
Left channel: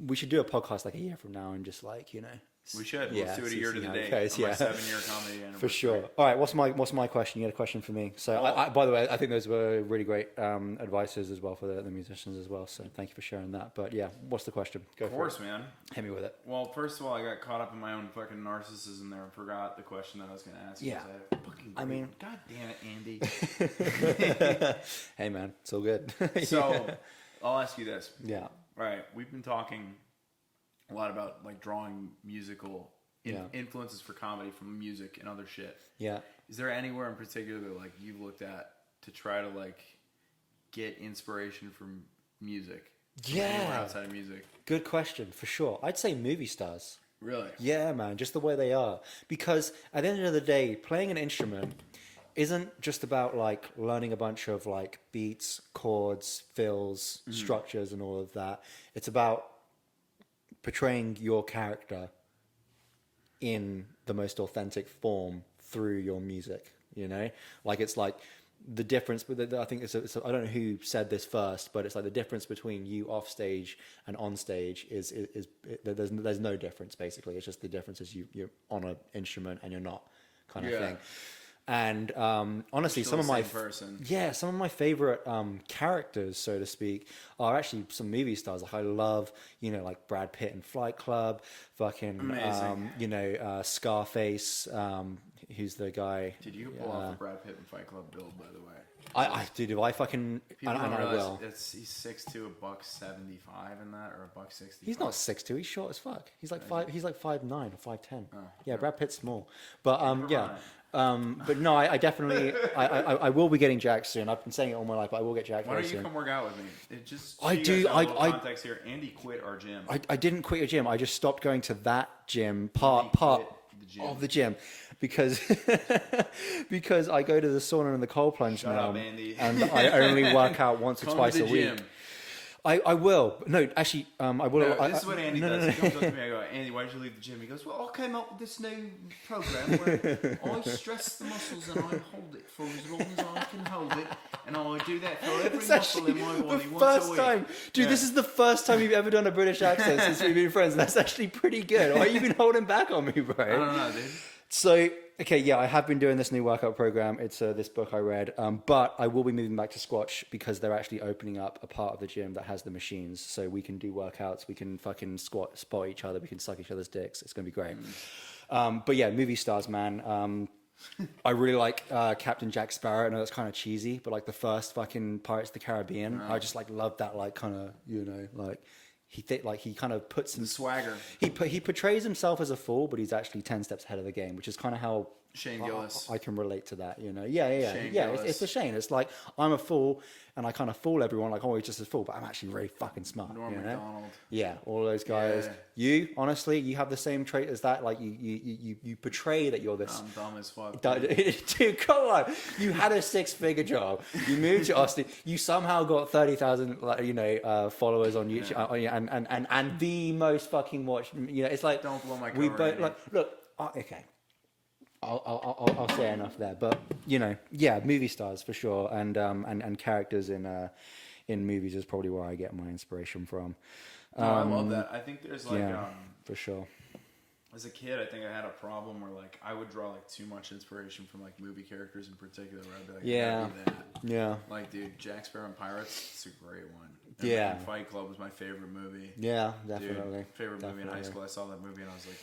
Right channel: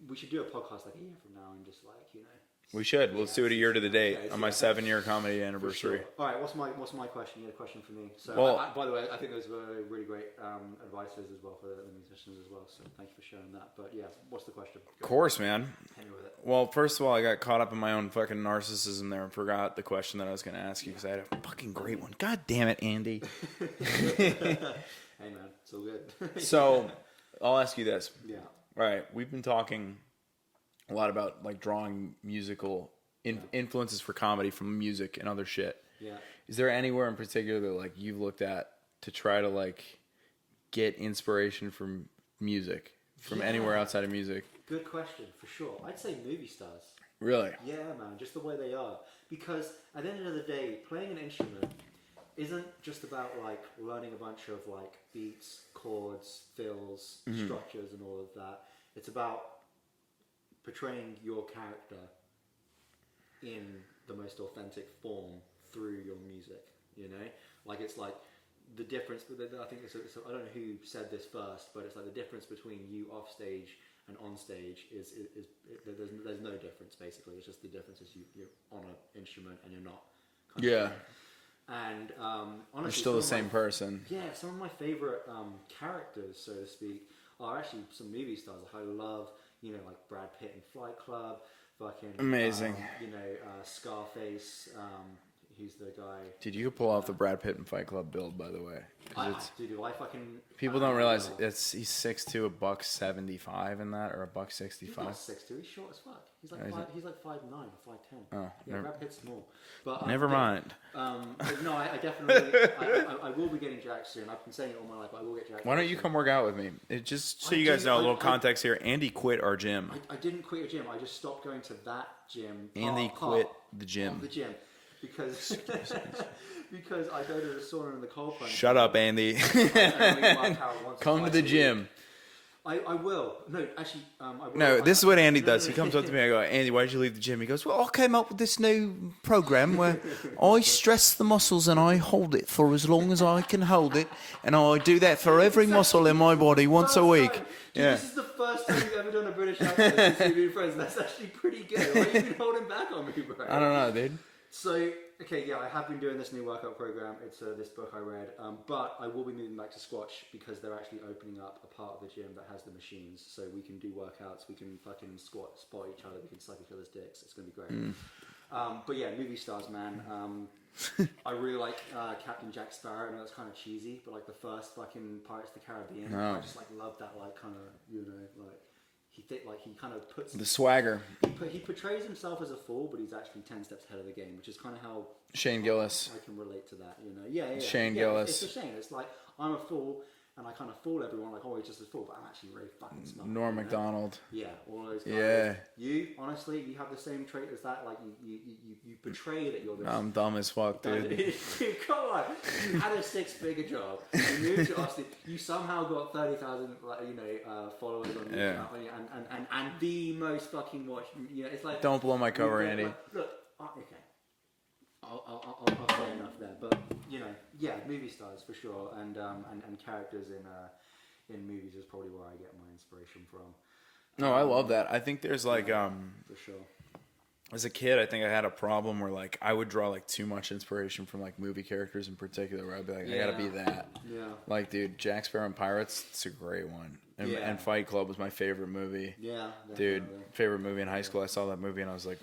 we should do a podcast like a year from now and just like, you know. We should. Let's do it a year to the day on my 7-year comedy anniversary. For sure. All right. What's my question? You had a question for me. So, by the way, I think those were really great advices as well for the musicians as well. So, thank you for sharing that. But yeah, what's the question? Of course, man. Hit me with it. Well, first of all, I got caught up in my own fucking narcissism there and forgot the question that I was going to ask you because I had a fucking great one. God damn it, Andy. Hey, man, it's all good. So, I'll ask you this. Yeah. All right. We've been talking a lot about like drawing musical influences for comedy from music and other shit. Yeah. Is there anywhere in particular that like you've looked at to try to like get inspiration from music from anywhere outside of music? Good question, for sure. I'd say movie stars. Really? Yeah, man, just the way they are. Because at the end of the day, playing an instrument isn't just about like learning a bunch of like beats, chords, fills, structures and all of that. It's about portraying your character in the most authentic form through your music, you know? Like, it's like the difference, but I think I don't know who said this first, but it's like the difference between you off stage and on stage is there's no difference, basically. It's just the difference is you're on an instrument and you're not, kind of thing. And honestly, some of my favorite characters, so to speak, are actually some movie stars. Like I love, you know, like Brad Pitt in Fight Club, fucking amazing. You know, Scarface. Who's the guy? Dude, you could pull off the Brad Pitt in Fight Club build, by the way. People don't realize he's 6'2", $175 in that, or $165. He's not 6'2", he's short as fuck. He's like 5'9" or 5'10". Oh, yeah, Brad Pitt's small. But never mind. But no, I definitely I will be getting jacked soon. I've been saying it all my life, but I will get jacked. Why don't you come work out with me? It just so you guys know a little context here. Andy quit our gym. I didn't quit your gym. I just stopped going to that gym. Quit the gym. Of the gym. Because I go to the sauna and the cold plunge. Shut up, Andy. And I only work out once or twice a week. Come to the gym. I will. No, actually, I will. No, this is what Andy does. He comes up to me. I go, Andy, why did you leave the gym? He goes, well, I came up with this new program where I stress the muscles and I hold it for as long as I can hold it, and I do that for every muscle in my body once a week. Dude, this is the first time you've ever done a British accent since we've been friends. And that's actually pretty good. Are you been holding back on me, bro? I don't know, dude. So, okay, yeah, I have been doing this new workout program. It's this book I read, but I will be moving back to Squatch because they're actually opening up a part of the gym that has the machines, so we can do workouts, we can fucking spot each other, we can suck each other's dicks. It's gonna be great. But yeah, movie stars, man. I really like Captain Jack Sparrow. I know it's kind of cheesy, but like the first fucking Pirates of the Caribbean, I just like love that, like kind of, you know, like. He kind of puts the swagger. He portrays himself as a fool, but he's actually 10 steps ahead of the game, which is kind of how Shane Gillis. I can relate to that, you know. Yeah. Shane Gillis. It's a Shane. It's like I'm a fool, and I kind of fool everyone like, oh, he's just a fool, but I'm actually very fucking smart. Norm Macdonald. Yeah, all those guys. Yeah. You honestly, you have the same trait as that. Like you portray that you're this. I'm dumb as fuck, dude. Dude, come on. You had a 6-figure job. You moved to Austin. You somehow got 30,000, followers on YouTube, and the most fucking watched. You know, it's like don't blow my cover, Andy. Look, okay. I'll say enough there, but you know, yeah, movie stars for sure, and characters in movies is probably where I get my inspiration from. No, I love that. I think there's like for sure. As a kid, I think I had a problem where like I would draw like too much inspiration from like movie characters in particular, where I'd be like, I gotta be that. Yeah. Like, dude, Jack Sparrow and Pirates, it's a great one. And Fight Club was my favorite movie. Yeah, definitely. Dude, favorite movie in high school. I saw that movie and I was like,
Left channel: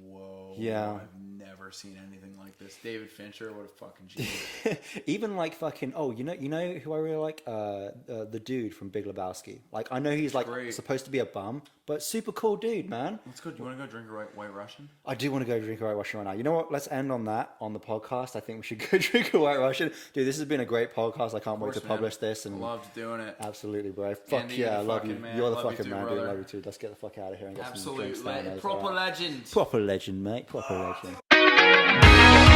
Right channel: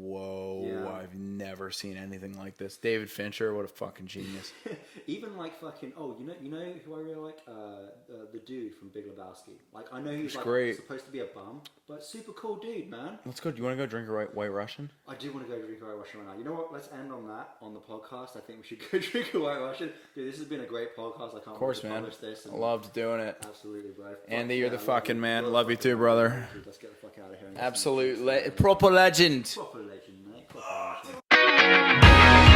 whoa, I've never seen anything like this. David Fincher, what a fucking genius. Even like fucking, you know who I really like? The dude from Big Lebowski. Like, I know he's like supposed to be a bum, but super cool dude, man. Let's go. Do you want to go drink a White Russian? I do want to go drink a White Russian right now. You know what? Let's end on that on the podcast. I think we should go drink a White Russian. Dude, this has been a great podcast. I can't wait to publish this. And loved doing it. Absolutely, bro. Andy, you're the fucking man. Love you too, brother. Love you too. Let's get the fuck out of here. Absolutely. Proper legend. Proper legend, mate. Proper legend.